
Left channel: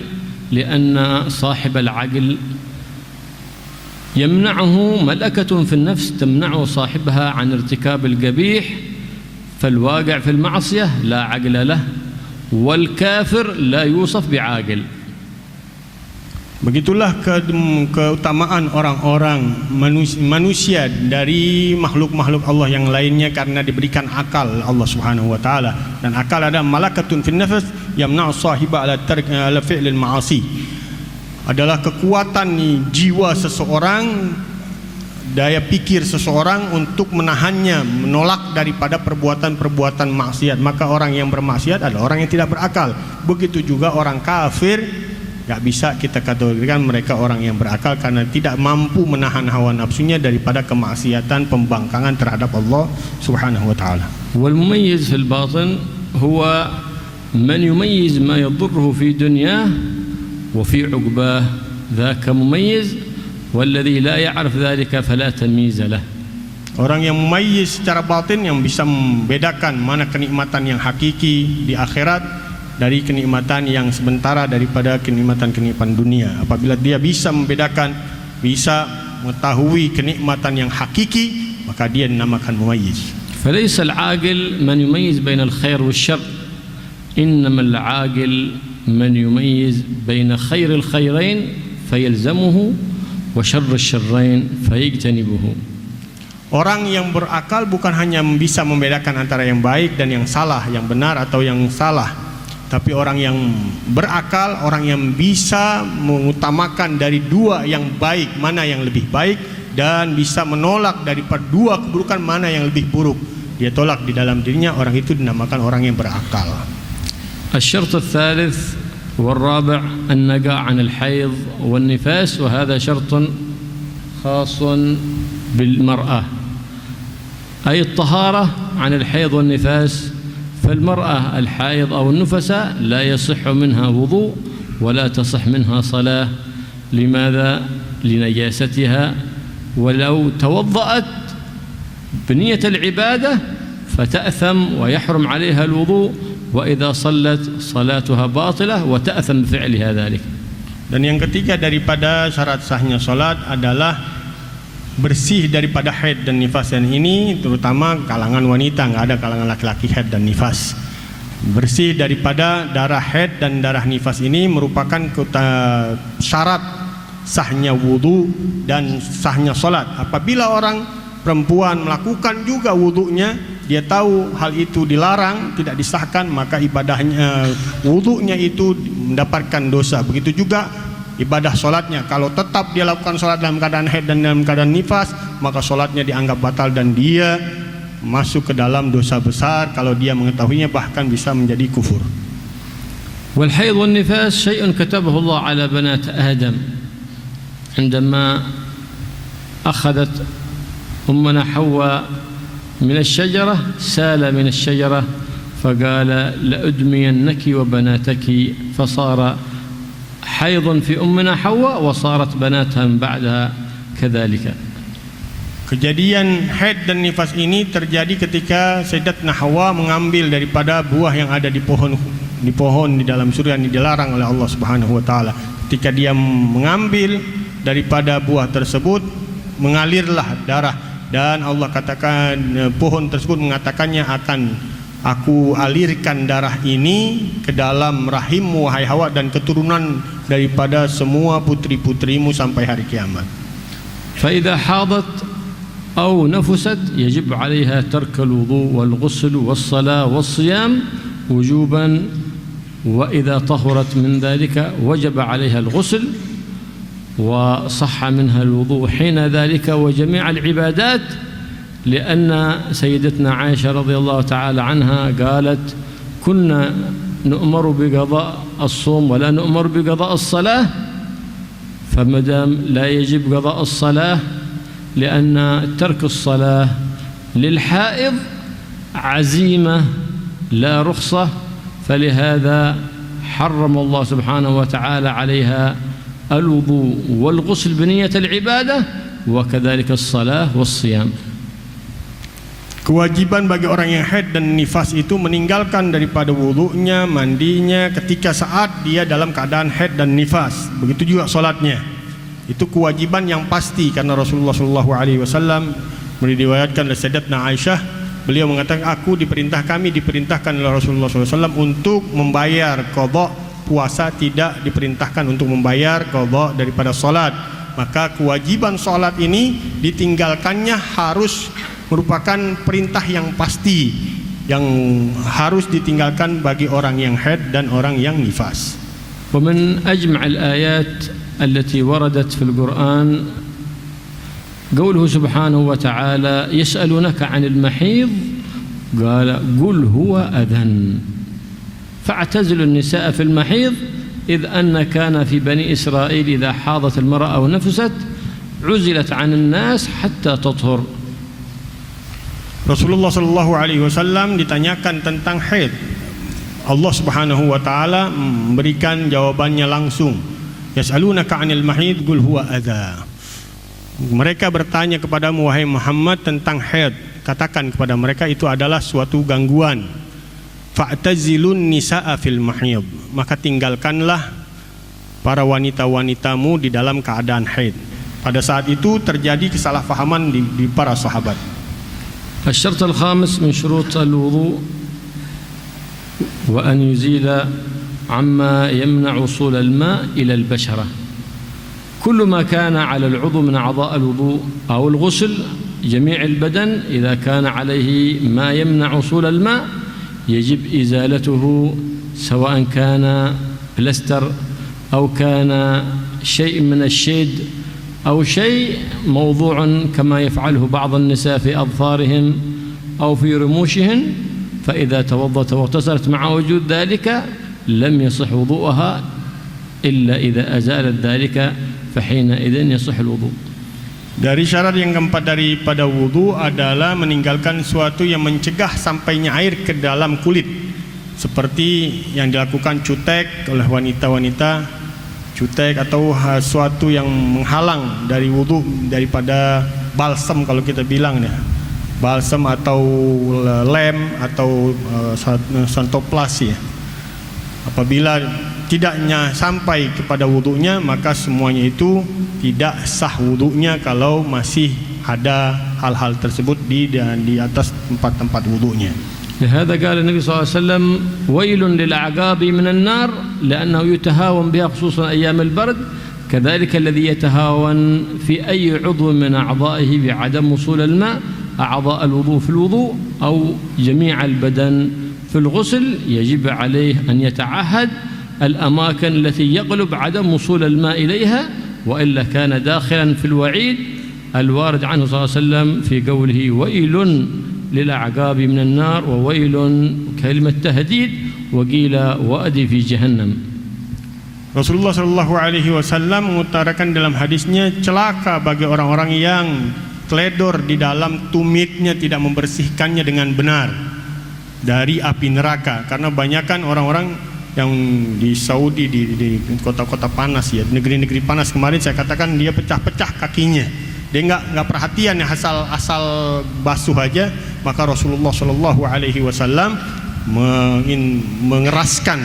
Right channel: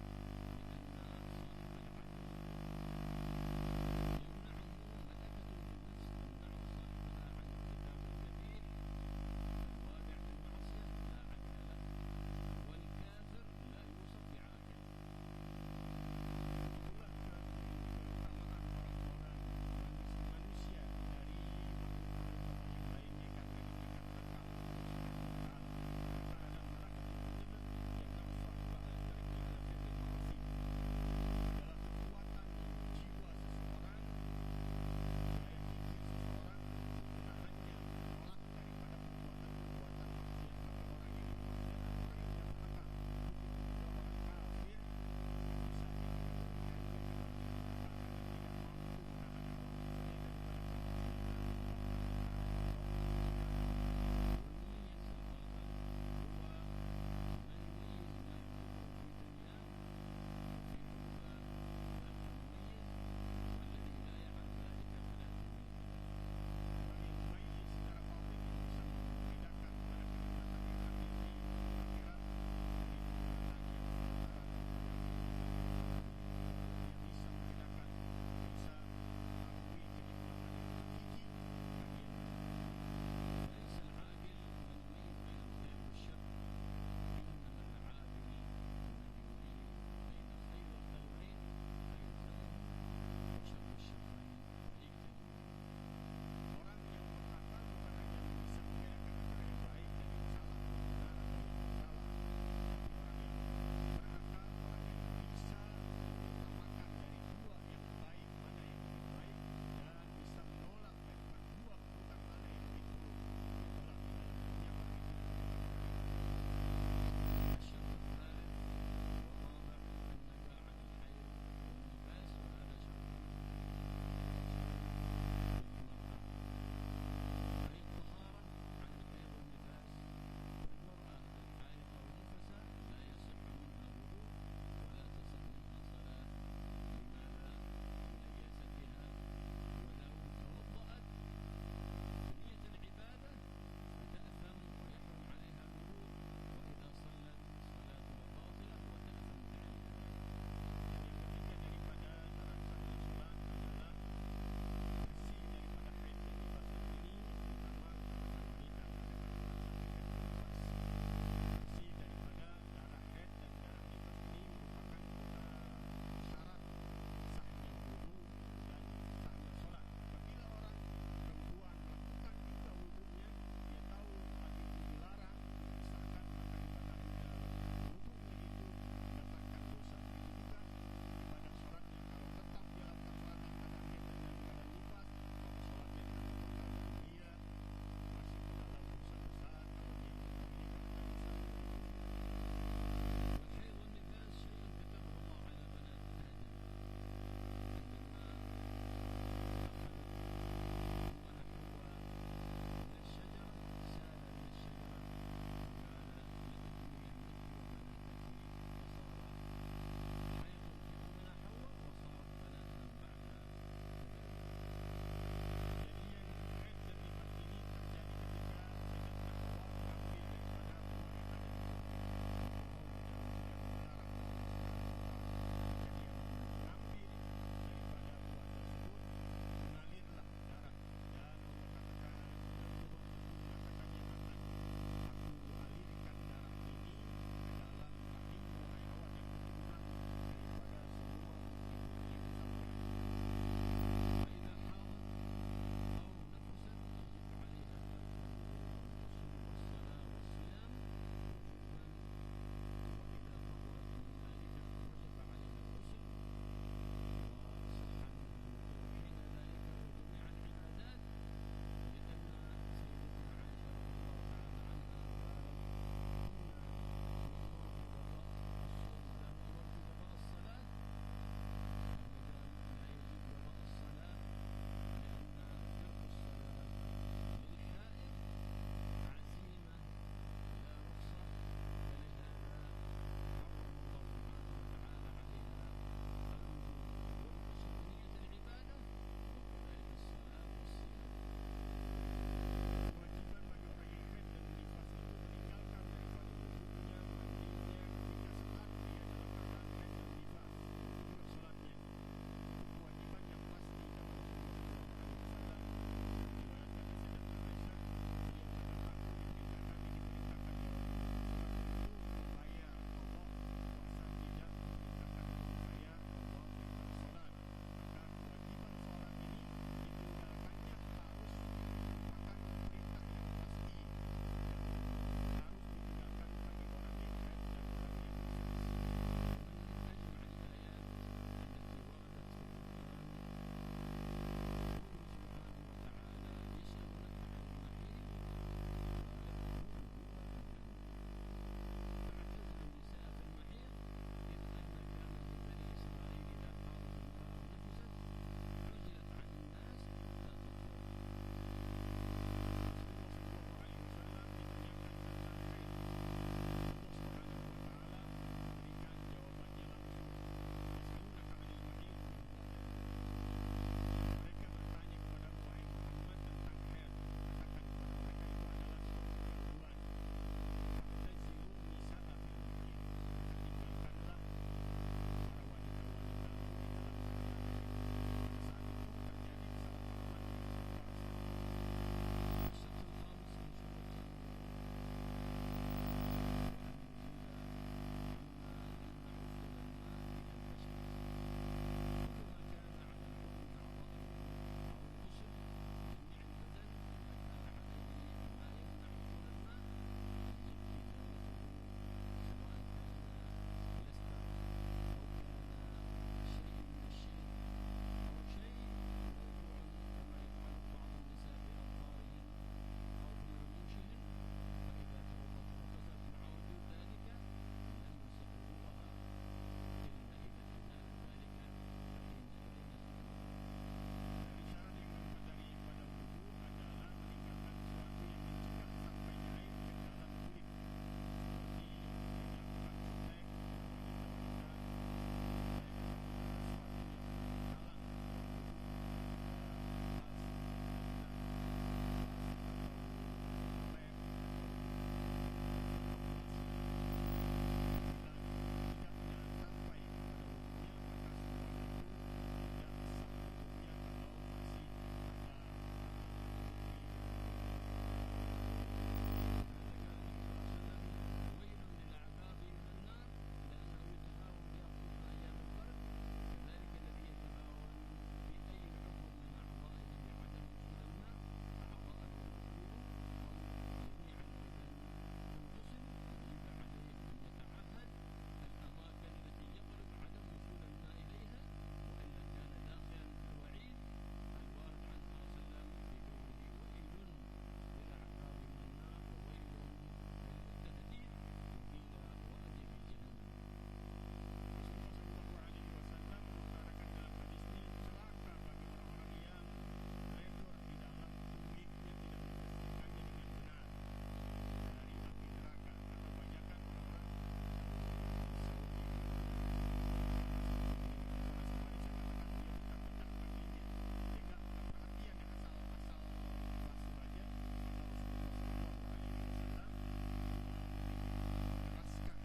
لأن صاحب العقل يمنعه ملكة في النفس تمنع صاحبها عن ارتكاب القبيح، فالواقع في المعصية لا عقل له، والكافر لا يوصف بعاقل. Begitulah keutamaan orang-orang manusia dari makhluk-makhluk Allah yang lainnya, karena diberikan akal Allah Subhanahu wa taala, dan akal ada malakatun fin nafs yamna'u sahiba ala fi'lil ma'asi. Adalah kekuatan jiwa seseorang, daya pikir seseorang untuk menahannya, menolak daripada perbuatan-perbuatan maksiat. Maka orang yang bermaksiat adalah orang yang tidak berakal. Begitu juga orang kafir Gak bisa kita kategorikan mereka orang yang berakal karena tidak mampu menahan hawa nafsunya daripada kemaksiatan pembangkangan terhadap Allah Subhanahu wa taala. والمميز في الباطن هو من يميز ما يضره في دنياه وفي عقباه، ذاك مميز، والذي لا يعرف ذلك فلا تمييز له. Orang yang mumayyiz secara batin, yang bisa membedakan mana kenikmatan yang hakiki di akhirat dari kenikmatan yang sementara daripada kenikmatan-kenikmatan dunia. Apabila dia bisa membedakan, bisa mengetahui kenikmatan yang hakiki, maka dia dinamakan mumayyiz. فليس العاقل من يميز بين الخير والشر، إنما العاقل من يميز بين خير الخيرين فيلزمه وشر الشرين فيجتنبه. Orang yang berakal bukan hanya bisa membedakan antara yang baik dan yang salah, yang benar atau yang salah. Tapi orang yang berakal, orang yang bisa mengutamakan dari dua yang baik, mana yang lebih baik, dan bisa menolak daripada dua keburukan, mana yang lebih buruk. Dia tolak di dalam dirinya, orang itu dinamakan orang yang berakal. الشرط الثالث والرابع النقاء عن الحيض والنفاس، وهذا شرط خاص بالمرأة، أي الطهارة عن الحيض والنفاس. فالمرأة الحائض أو النفساء لا يصح منها وضوء ولا تصح منها صلاة. لماذا؟ لنجاستها، ولو توضأت بنية العبادة فتأثم ويحرم عليها الوضوء، وإذا صلت صلاتها باطلة وتأثم بفعلها ذلك. Dan yang ketiga daripada syarat sahnya salat adalah bersih daripada haid dan nifas. Dan ini terutama kalangan wanita, enggak ada kalangan laki-laki haid dan nifas. Bersih daripada darah haid dan darah nifas ini merupakan syarat sahnya wudu dan sahnya salat. Apabila orang perempuan melakukan juga wudunya, dia tahu hal itu dilarang, tidak disahkan, maka ibadahnya, wudunya itu mendapatkan dosa. Begitu juga ibadah solatnya. Kalau tetap dia lakukan solat dalam keadaan haid dan dalam keadaan nifas, maka solatnya dianggap batal dan dia masuk ke dalam dosa besar. Kalau dia mengetahuinya, bahkan bisa menjadi kufur. والحيض والنفاس شيء كتبه الله على بنات آدم عندما أخذت أمنا حواء من الشجرة، سال من الشجرة فقال لأدمينك وبناتك، فصار حيض في أمنا حواء وصارت بناتها من بعدها كذلك. Kejadian haid dan nifas ini terjadi ketika Sayyidatuna Hawa mengambil daripada buah yang ada di pohon di dalam surga yang dilarang oleh Allah Subhanahu wa taala. Ketika dia mengambil daripada buah tersebut, mengalirlah darah, dan Allah katakan, pohon tersebut mengatakannya, akan aku alirkan darah ini ke dalam rahimmu wahai Hawa dan keturunan daripada semua putri-putrimu sampai hari kiamat. فإذا حاضت أو نفست يجب عليها ترك الوضوء والغسل والصلاة والصيام وجوبا، وإذا طهرت من ذلك وجب عليها الغسل وصح منها الوضوء حين ذلك وجميع العبادات، لأن سيدتنا عائشة رضي الله تعالى عنها قالت كنا نؤمر بقضاء الصوم ولا نؤمر بقضاء الصلاة، فمدام لا يجب قضاء الصلاة لأن ترك الصلاة للحائض عزيمة لا رخصة، فلهذا حرم الله سبحانه وتعالى عليها الوضوء والغسل بنية العبادة وكذلك الصلاة والصيام. Kewajiban bagi orang yang haid dan nifas itu meninggalkan daripada wudunya, mandinya ketika saat dia dalam keadaan haid dan nifas. Begitu juga solatnya. Itu kewajiban yang pasti, karena Rasulullah SAW meriwayatkan dari Sayyidatuna Aisyah, beliau mengatakan, kami diperintahkan oleh Rasulullah SAW untuk membayar qadha puasa, tidak diperintahkan untuk membayar qadha daripada solat. Maka kewajiban solat ini ditinggalkannya harus merupakan perintah yang pasti, yang harus ditinggalkan bagi orang yang haid dan orang yang nifas. ومن أجمع الآيات التي وردت في القرآن قوله سبحانه وتعالى يسألونك عن المحيض قال قل هو أذى فاعتزلوا النساء في المحيض إذ أن كان في بني إسرائيل إذا حاضت المرأة أو نفست عزلت عن الناس حتى تطهر. Rasulullah sallallahu alaihi wasallam ditanyakan tentang haid. Allah Subhanahu wa taala memberikan jawabannya langsung. Yas'alunaka 'anil mahid qul huwa adza. Mereka bertanya kepadamu wahai Muhammad tentang haid. Katakan kepada mereka itu adalah suatu gangguan. Fa'tazilun nisaa fil mahid. Maka tinggalkanlah para wanita-wanitamu di dalam keadaan haid. Pada saat itu terjadi kesalahpahaman di para sahabat. الشرط الخامس من شروط الوضوء وأن يزيل عما يمنع وصول الماء إلى البشرة. كل ما كان على العضو من أعضاء الوضوء أو الغسل جميع البدن إذا كان عليه ما يمنع وصول الماء يجب إزالته سواء كان بلاستر أو كان شيء من الشيد أو شيء موضوع كما يفعله بعض النساء في أظفارهم أو في رموشهن، فإذا توضأت واغتسلت مع وجود ذلك لم يصح وضوءها إلا إذا أزالت ذلك فحينئذ يصح الوضوء. Dari syarat yang keempat daripada wudu adalah meninggalkan sesuatu yang mencegah sampainya air ke dalam kulit, seperti yang dilakukan cutek oleh wanita-wanita, cutek atau sesuatu yang menghalang dari wudu, daripada balsam kalau kita bilang ya, balsam atau lem atau santoplas ya. Apabila tidaknya sampai kepada wudunya, maka semuanya itu tidak sah wudunya kalau masih ada hal-hal tersebut di atas tempat-tempat wudunya. لهذا قال النبي صلى الله عليه وسلم ويل للأعقاب من النار لأنه يتهاون بها خصوصا أيام البرد، كذلك الذي يتهاون في أي عضو من أعضائه بعدم وصول الماء أعضاء الوضوء في الوضوء أو جميع البدن في الغسل يجب عليه أن يتعهد الأماكن التي يغلب عدم وصول الماء إليها، وإلا كان داخلا في الوعيد الوارد عنه صلى الله عليه وسلم في قوله ويل للأعقاب من النار وويل كلمة تهديد وقيل وأدي في جهنم. Rasulullah sallallahu alaihi wasallam mengutarakan dalam hadisnya, celaka bagi orang-orang yang teledor di dalam tumitnya, tidak membersihkannya dengan benar dari api neraka. Karena banyakkan orang-orang yang di Saudi, di kota-kota panas ya, negeri-negeri panas, kemarin saya katakan dia pecah-pecah kakinya. Dia nggak perhatian ya, asal basuh aja. Maka Rasulullah Shallallahu Alaihi Wasallam mengeraskan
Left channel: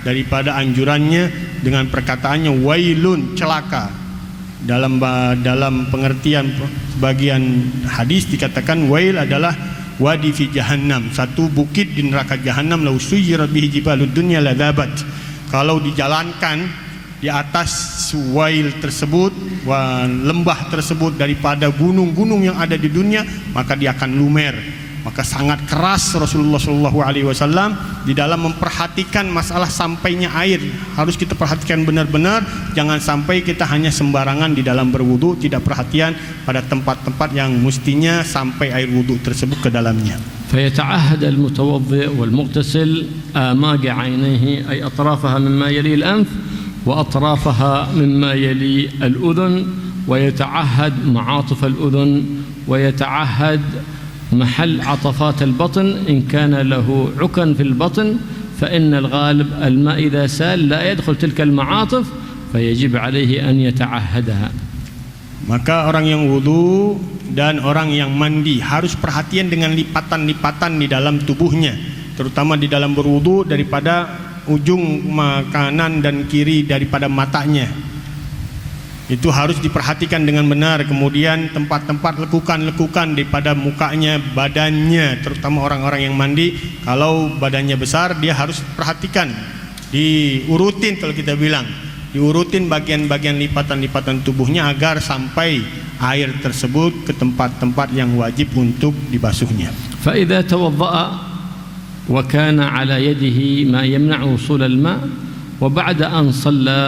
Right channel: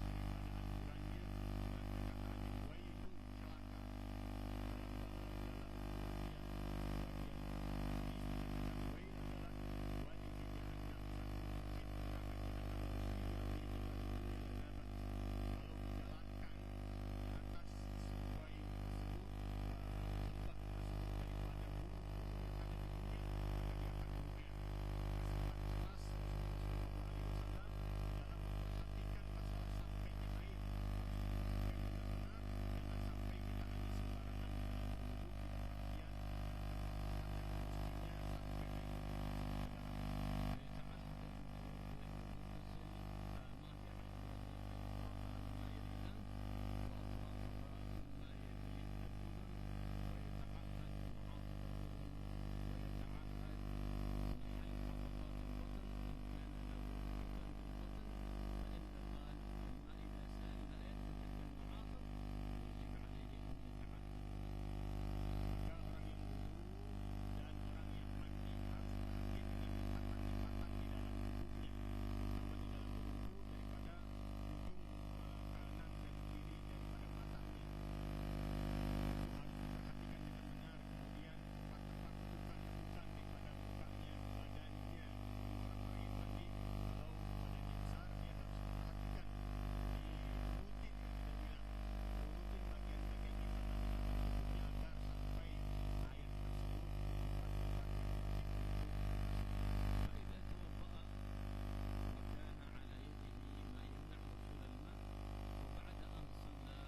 daripada anjurannya dengan perkataannya wailun, celaka. Dalam pengertian sebagian hadis dikatakan wail adalah wadi fi jahannam, satu bukit di neraka jahannam, lau suyirat bihi jibalud dunya ladzabat. Kalau dijalankan di atas wail tersebut, lembah tersebut daripada gunung-gunung yang ada di dunia, maka dia akan lumer. Maka sangat keras Rasulullah SAW di dalam memperhatikan masalah sampainya air. Harus kita perhatikan benar-benar, jangan sampai kita hanya sembarangan di dalam berwudu, tidak perhatian pada tempat-tempat yang mestinya sampai air wudu tersebut ke dalamnya. فيتعهد المتوضئ والمغتسل آماج عينيه أي أطرافها مما يلي الأنف وأطرافها مما يلي الأذن، ويتعهد معاطف الأذن، ويتعهد محل عطفات البطن إن كان له عكن في البطن، فإن الغالب الماء إذا سال لا يدخل تلك المعاطف فيجب عليه أن يتعهدها. Maka orang yang wudu dan orang yang mandi harus perhatian dengan lipatan-lipatan di dalam tubuhnya, terutama di dalam berwudu daripada ujung kanan dan kiri daripada matanya. Itu harus diperhatikan dengan benar. Kemudian tempat-tempat lekukan-lekukan daripada mukanya, badannya, terutama orang-orang yang mandi. Kalau badannya besar, dia harus perhatikan, diurutin kalau kita bilang, diurutin bagian-bagian lipatan-lipatan tubuhnya agar sampai air tersebut ke tempat-tempat yang wajib untuk dibasuhnya. فإذا توضأ وكان على يده ما يمنع وصول الماء وبعد أن صلى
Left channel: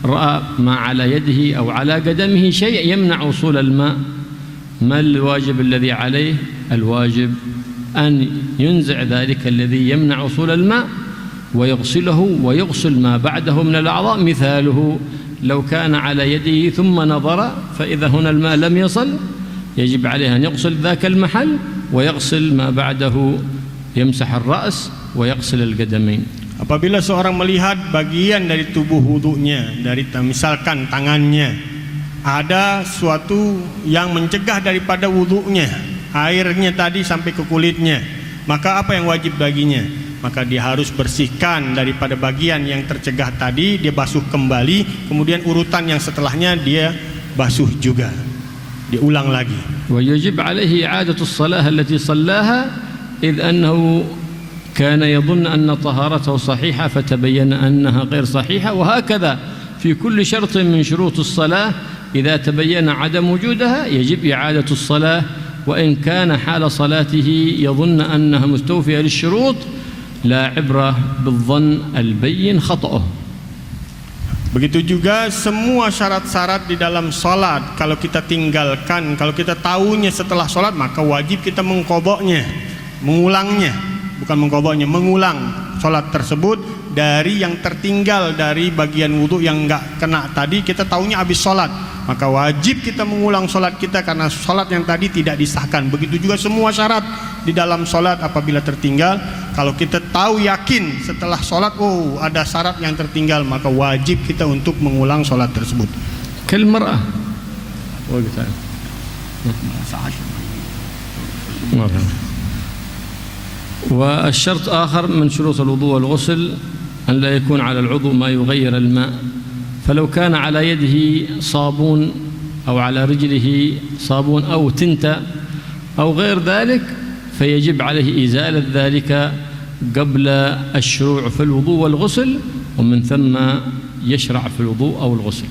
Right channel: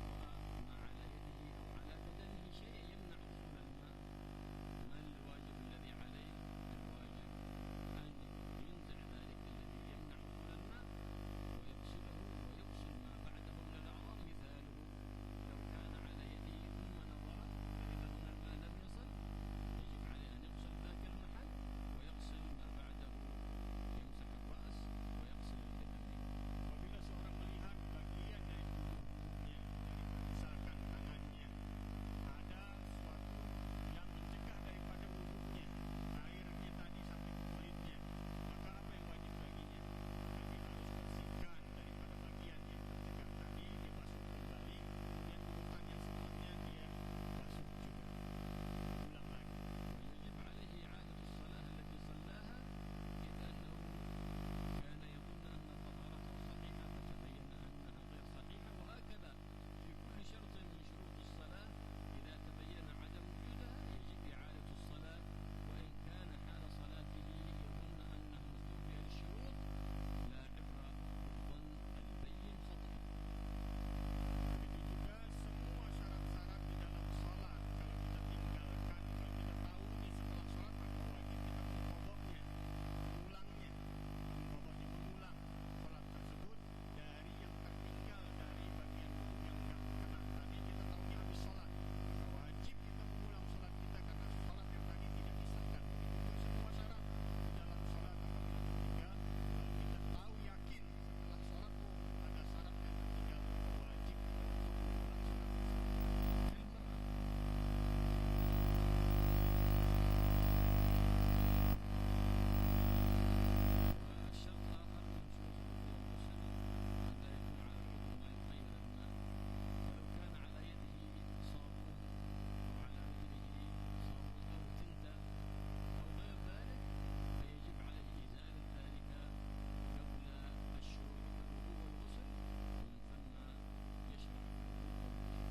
رأى ما على يده أو على قدمه شيء يمنع وصول الماء، ما الواجب الذي عليه؟ الواجب أن ينزع ذلك الذي يمنع وصول الماء ويغسله ويغسل ما بعده من الأعضاء. مثاله لو كان على يده ثم نظر فإذا هنا الماء لم يصل يجب عليه أن يغسل ذاك المحل ويغسل ما بعده، يمسح الرأس ويغسل القدمين. Apabila seorang melihat bagian dari tubuh wudunya, dari misalkan tangannya, ada suatu yang mencegah daripada wudunya, airnya tadi sampai ke kulitnya, maka apa yang wajib baginya? Maka dia harus bersihkan daripada bagian yang tercegah tadi, dia basuh kembali, kemudian urutan yang setelahnya dia basuh juga, diulang lagi. ويجب عليه إعادة الصلاة التي صلاها إذ أنه كان يظن أن طهارته صحيحة فتبين أنها غير صحيحة، وهكذا في كل شرط من شروط الصلاة إذا تبين عدم وجودها يجب إعادة الصلاة، وإن كان حال صلاته يظن أنها مستوفية للشروط لا عبرة بالظن البين خطأه. Begitu juga semua syarat-syarat di dalam salat kalau kita tinggalkan, kalau kita tahunya setelah salat, maka wajib kita mengqadha'nya, mengulangnya, bukan mengqadha'nya, mengulang salat tersebut dari yang tertinggal dari bagian wudu yang enggak kena tadi, kita tahunya habis salat, maka wajib kita mengulang salat kita karena salat yang tadi tidak disahkan. Begitu juga semua syarat di dalam salat apabila tertinggal, kalau kita tahu yakin setelah salat oh ada syarat yang tertinggal, maka wajib kita untuk mengulang salat tersebut. كالمرأة والشرط آخر من شروط الوضوء والغسل أن لا يكون على العضو ما يغير الماء، فلو كان على يده صابون أو على رجله صابون أو تنتة أو غير ذلك فيجب عليه إزالة ذلك قبل الشروع في الوضوء والغسل، ومن ثم يشرع في الوضوء أو الغسل.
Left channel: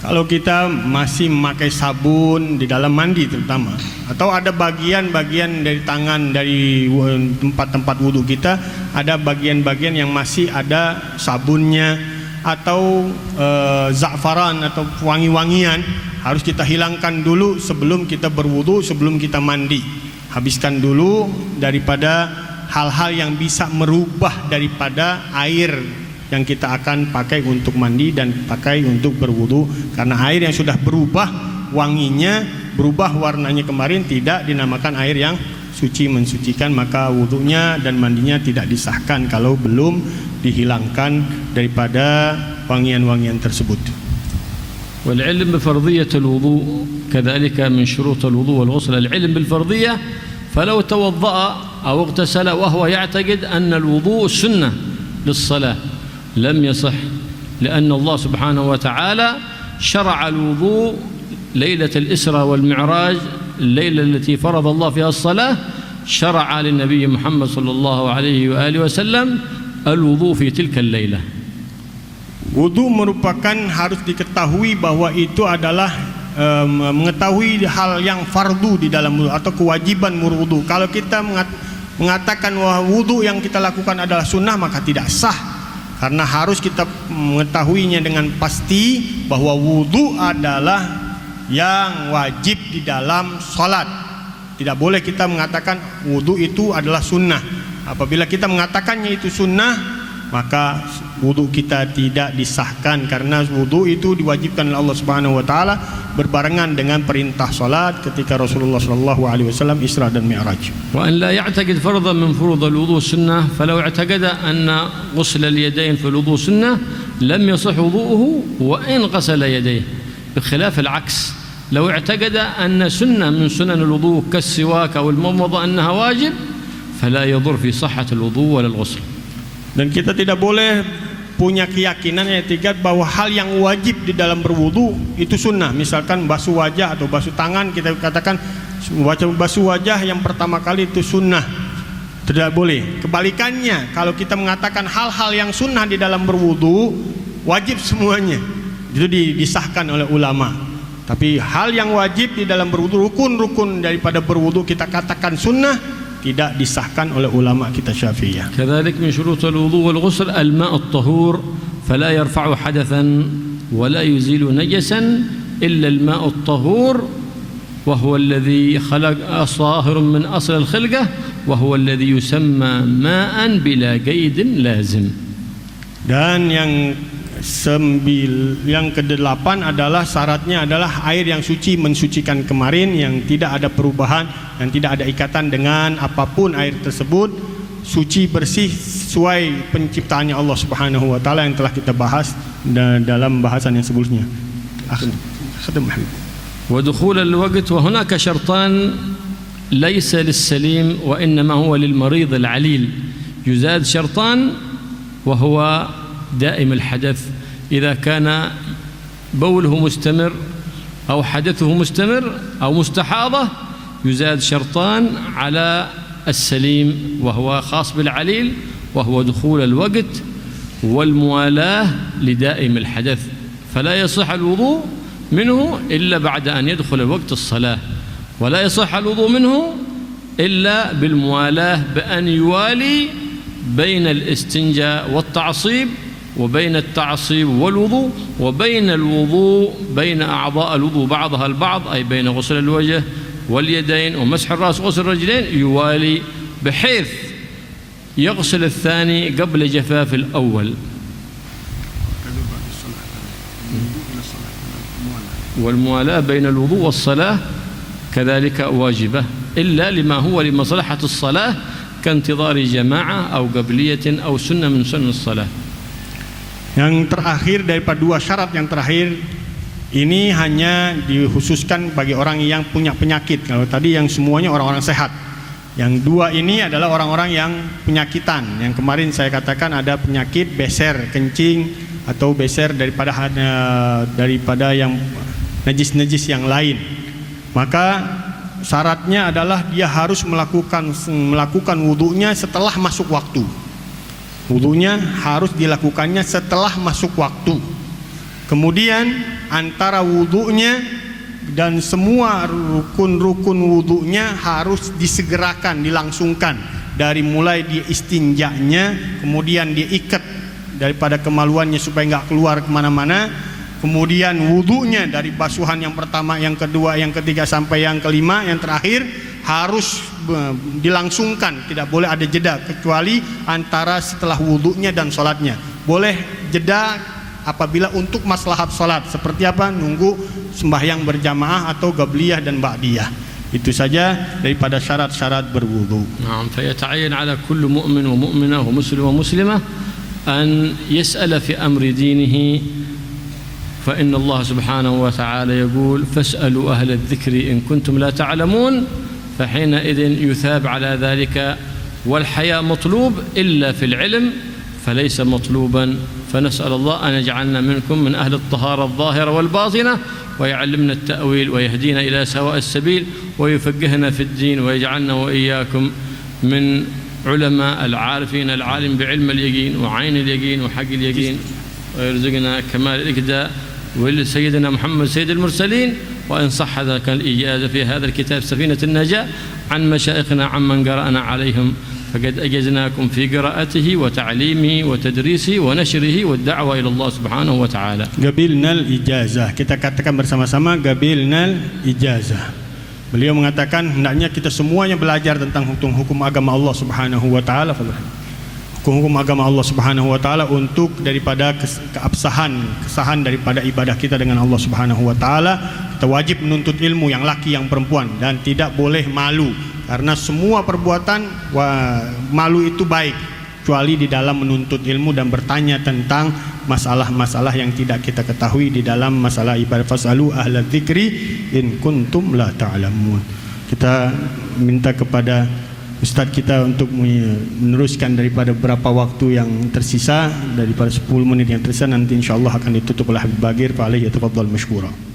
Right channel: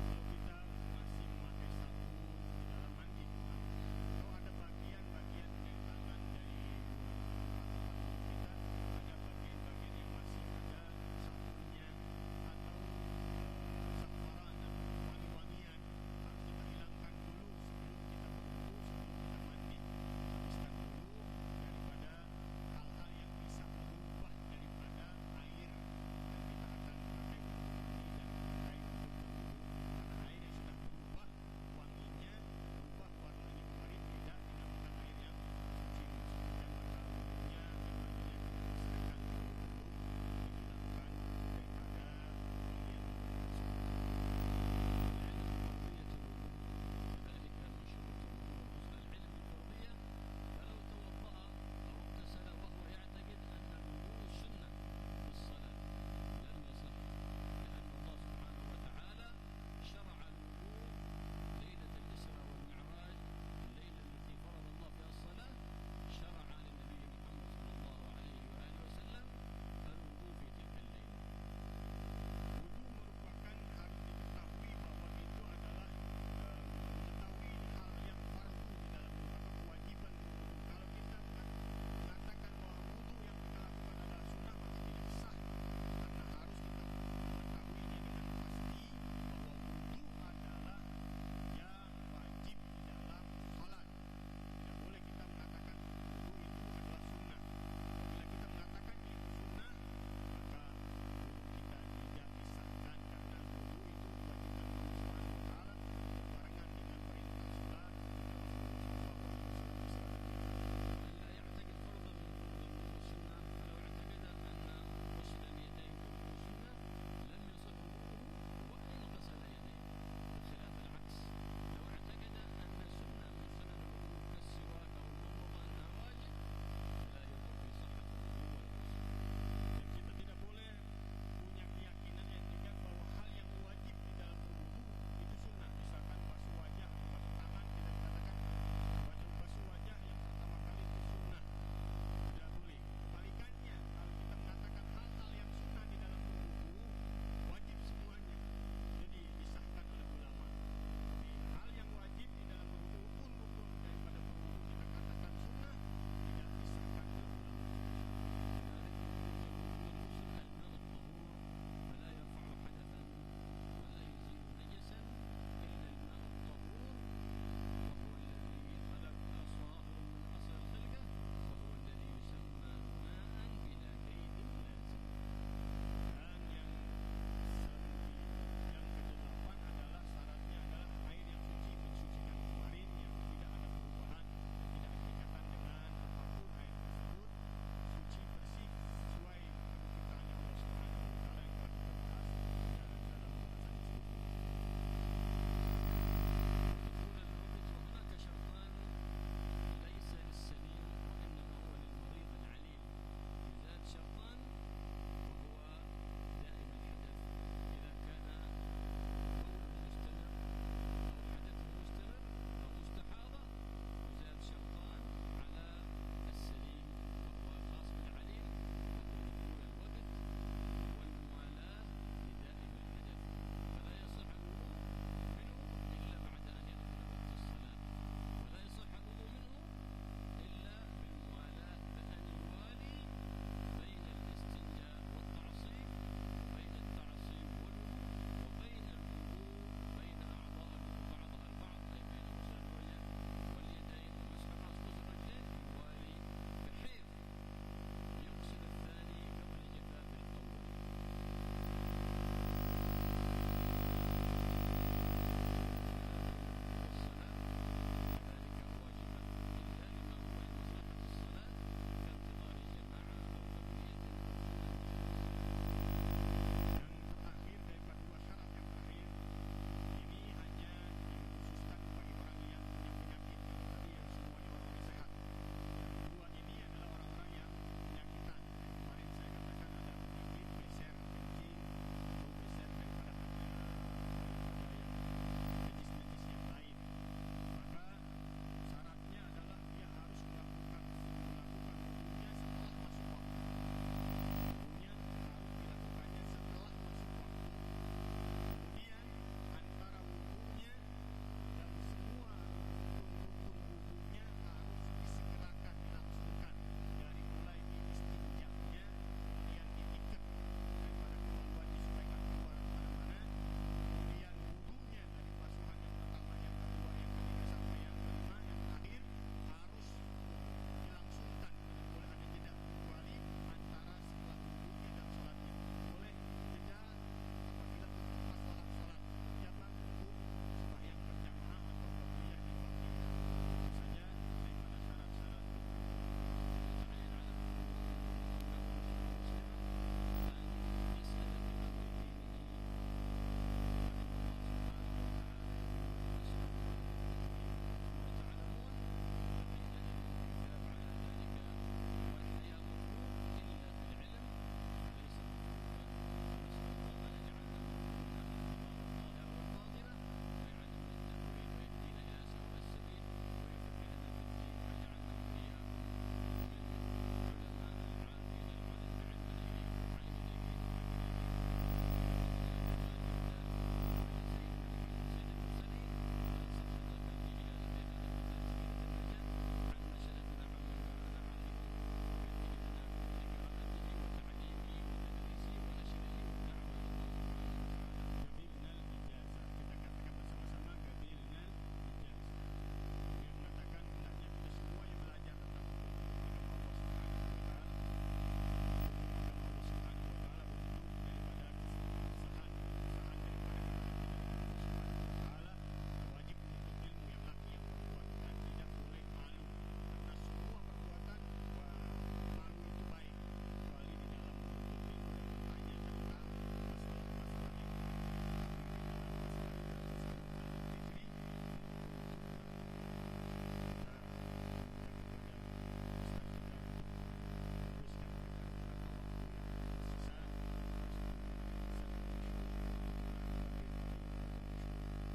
Kalau kita masih memakai sabun di dalam mandi terutama, atau ada bagian-bagian dari tangan, dari tempat-tempat wudhu kita, ada bagian-bagian yang masih ada sabunnya atau za'faran atau wangi-wangian, harus kita hilangkan dulu sebelum kita berwudhu, sebelum kita mandi. Habiskan dulu daripada hal-hal yang bisa merubah daripada air yang kita akan pakai untuk mandi dan pakai untuk berwudu, karena air yang sudah berubah wanginya, berubah warnanya kemarin tidak dinamakan air yang suci mensucikan, maka wudunya dan mandinya tidak disahkan kalau belum dihilangkan daripada wangian-wangian tersebut. والعلم بفرضية الوضوء كذلك من شروط الوضوء والغسل، العلم بالفرضية، فلو توضأ أو اغتسل وهو يعتقد أن الوضوء سنة للصلاة لم يصح، لأن الله سبحانه وتعالى شرع الوضوء ليلة الإسراء والمعراج، الليلة التي فرض الله فيها الصلاة، شرع للنبي محمد صلى الله عليه وآله وسلم الوضوء في تلك الليلة. Wudu merupakan harus diketahui bahwa itu adalah mengetahui hal yang fardu di dalam wudu atau kewajiban wudu. Kalau kita mengatakan bahwa wudu yang kita lakukan adalah sunnah, maka tidak sah, karena harus kita mengetahuinya dengan pasti bahwa wudu adalah yang wajib di dalam salat. Tidak boleh kita mengatakan wudu itu adalah sunnah. Apabila kita mengatakannya itu sunnah, maka wudu kita tidak disahkan, karena wudu itu diwajibkan oleh Allah Subhanahu wa taala berbarengan dengan perintah salat ketika Rasulullah sallallahu alaihi wasallam Isra dan Mi'raj. وأن لا يعتقد فرضا من فروض الوضوء سنة، فلو اعتقد أن غسل اليدين في الوضوء سنة لم يصح وضوءه وإن غسل يديه، بخلاف العكس، لو اعتقد أن سنة من سنن الوضوء كالسواك أو المضمضة أنها واجب فلا يضر في صحة الوضوء ولا الغسل. Dan kita tidak boleh punya keyakinan yang etikat bahwa hal yang wajib di dalam berwudu itu sunnah. Misalkan basuh wajah atau basuh tangan, kita katakan basuh wajah yang pertama kali itu sunnah. Tidak boleh. Kebalikannya, kalau kita mengatakan hal-hal yang sunnah di dalam berwudu wajib semuanya, itu disahkan oleh ulama. Tapi hal yang wajib di dalam berwudu, rukun-rukun daripada berwudu kita katakan sunnah, tidak disahkan oleh ulama kita Syafi'iyah. كذلك من شروط الوضوء والغسل الماء الطهور، فلا يرفع حدثا ولا يزيل نجسا إلا الماء الطهور، وهو الذي خلق صاهر من أصل الخلقة وهو الذي يسمى ماء بلا قيد لازم. Dan yang kedelapan adalah syaratnya adalah air yang suci mensucikan kemarin, yang tidak ada perubahan dan tidak ada ikatan dengan apapun air tersebut, suci bersih sesuai penciptaannya Allah Subhanahu wa taala yang telah kita bahas dalam bahasan yang sebelumnya. ودخول الوقت، وهناك شرطان ليس للسليم وإنما هو للمريض العليل، يزاد شرطان وهو دائم الحدث، إذا كان بوله مستمر أو حدثه مستمر أو مستحاضة يزاد شرطان على السليم وهو خاص بالعليل، وهو دخول الوقت والموالاة لدائم الحدث، فلا يصح الوضوء منه إلا بعد أن يدخل وقت الصلاة، ولا يصح الوضوء منه إلا بالموالاة بأن يوالي بين الاستنجاء والتعصيب وبين التعصيب والوضوء وبين الوضوء بين أعضاء الوضوء بعضها البعض، أي بين غسل الوجه واليدين ومسح الرأس وغسل الرجلين يوالي، بحيث يغسل الثاني قبل جفاف الأول. والموالاة بين الوضوء والصلاة كذلك واجبة إلا لما هو لمصلحة الصلاة كانتظار جماعة أو قبلية أو سنة من سنن الصلاة. Yang terakhir daripada dua syarat yang terakhir ini hanya dikhususkan bagi orang yang punya penyakit. Kalau tadi yang semuanya orang-orang sehat. Yang dua ini adalah orang-orang yang penyakitan. Yang kemarin saya katakan ada penyakit beser kencing atau beser daripada yang najis-najis yang lain. Maka syaratnya adalah dia harus melakukan wudunya setelah masuk waktu. Wudunya harus dilakukannya setelah masuk waktu. Kemudian antara wudunya dan semua rukun-rukun wudunya harus disegerakan, dilangsungkan, dari mulai dia istinjanya, kemudian dia ikat daripada kemaluannya supaya nggak keluar kemana-mana, kemudian wudunya dari basuhan yang pertama, yang kedua, yang ketiga sampai yang kelima, yang terakhir harus dilangsungkan, tidak boleh ada jeda kecuali antara setelah wudunya dan sholatnya. Boleh jeda apabila untuk maslahat sholat, seperti apa? Nunggu sembahyang berjamaah atau gabliyah dan ba'diyah. Itu saja daripada syarat-syarat berwudu. Naam, fayata'ayyan 'ala kulli mu'min wa mu'minah wa muslim wa muslimah an yas'ala fi amri dinihi, fa inna Allah subhanahu wa ta'ala yaqul fas'alu ahla adh-dhikri in kuntum la ta'lamun, fa hina idhin yuthab 'ala dhalika, wal haya matlub illa fil 'ilm فليس مطلوبا، فنسأل الله أن يجعلنا منكم من أهل الطهارة الظاهرة والباطنة، ويعلمنا التأويل ويهدينا إلى سواء السبيل ويفقهنا في الدين، ويجعلنا وإياكم من علماء العارفين العالم بعلم اليقين وعين اليقين وحق اليقين، ويرزقنا كمال الإقداء ولسيدنا محمد سيد المرسلين. وإن صح ذلك الإجازة في هذا الكتاب سفينة النجاة عن مشايخنا عمن قرأنا عليهم، فقد أجزناكم في قراءته وتعليمه وتدريسه ونشره والدعوة إلى الله سبحانه وتعالى. Qabilnal ijazah, kita katakan bersama-sama qabilnal ijazah. Beliau mengatakan hendaknya kita semuanya belajar tentang hukum-hukum agama Allah Subhanahu wa taala, hukum-hukum agama Allah Subhanahu wa taala untuk daripada kesahan daripada ibadah kita dengan Allah Subhanahu wa taala. Kita wajib menuntut ilmu, yang laki yang perempuan, dan tidak boleh malu. Karena semua perbuatan malu itu baik, kecuali di dalam menuntut ilmu dan bertanya tentang masalah-masalah yang tidak kita ketahui di dalam masalah ibadah. Fasalu ahla dzikri in kuntum la ta'lamun. Kita minta kepada Ustaz kita untuk meneruskan daripada beberapa waktu yang tersisa, daripada 10 menit yang tersisa, nanti insyaAllah akan ditutup oleh Habib Bagir. Fa alaihi yatafaddal mashkura.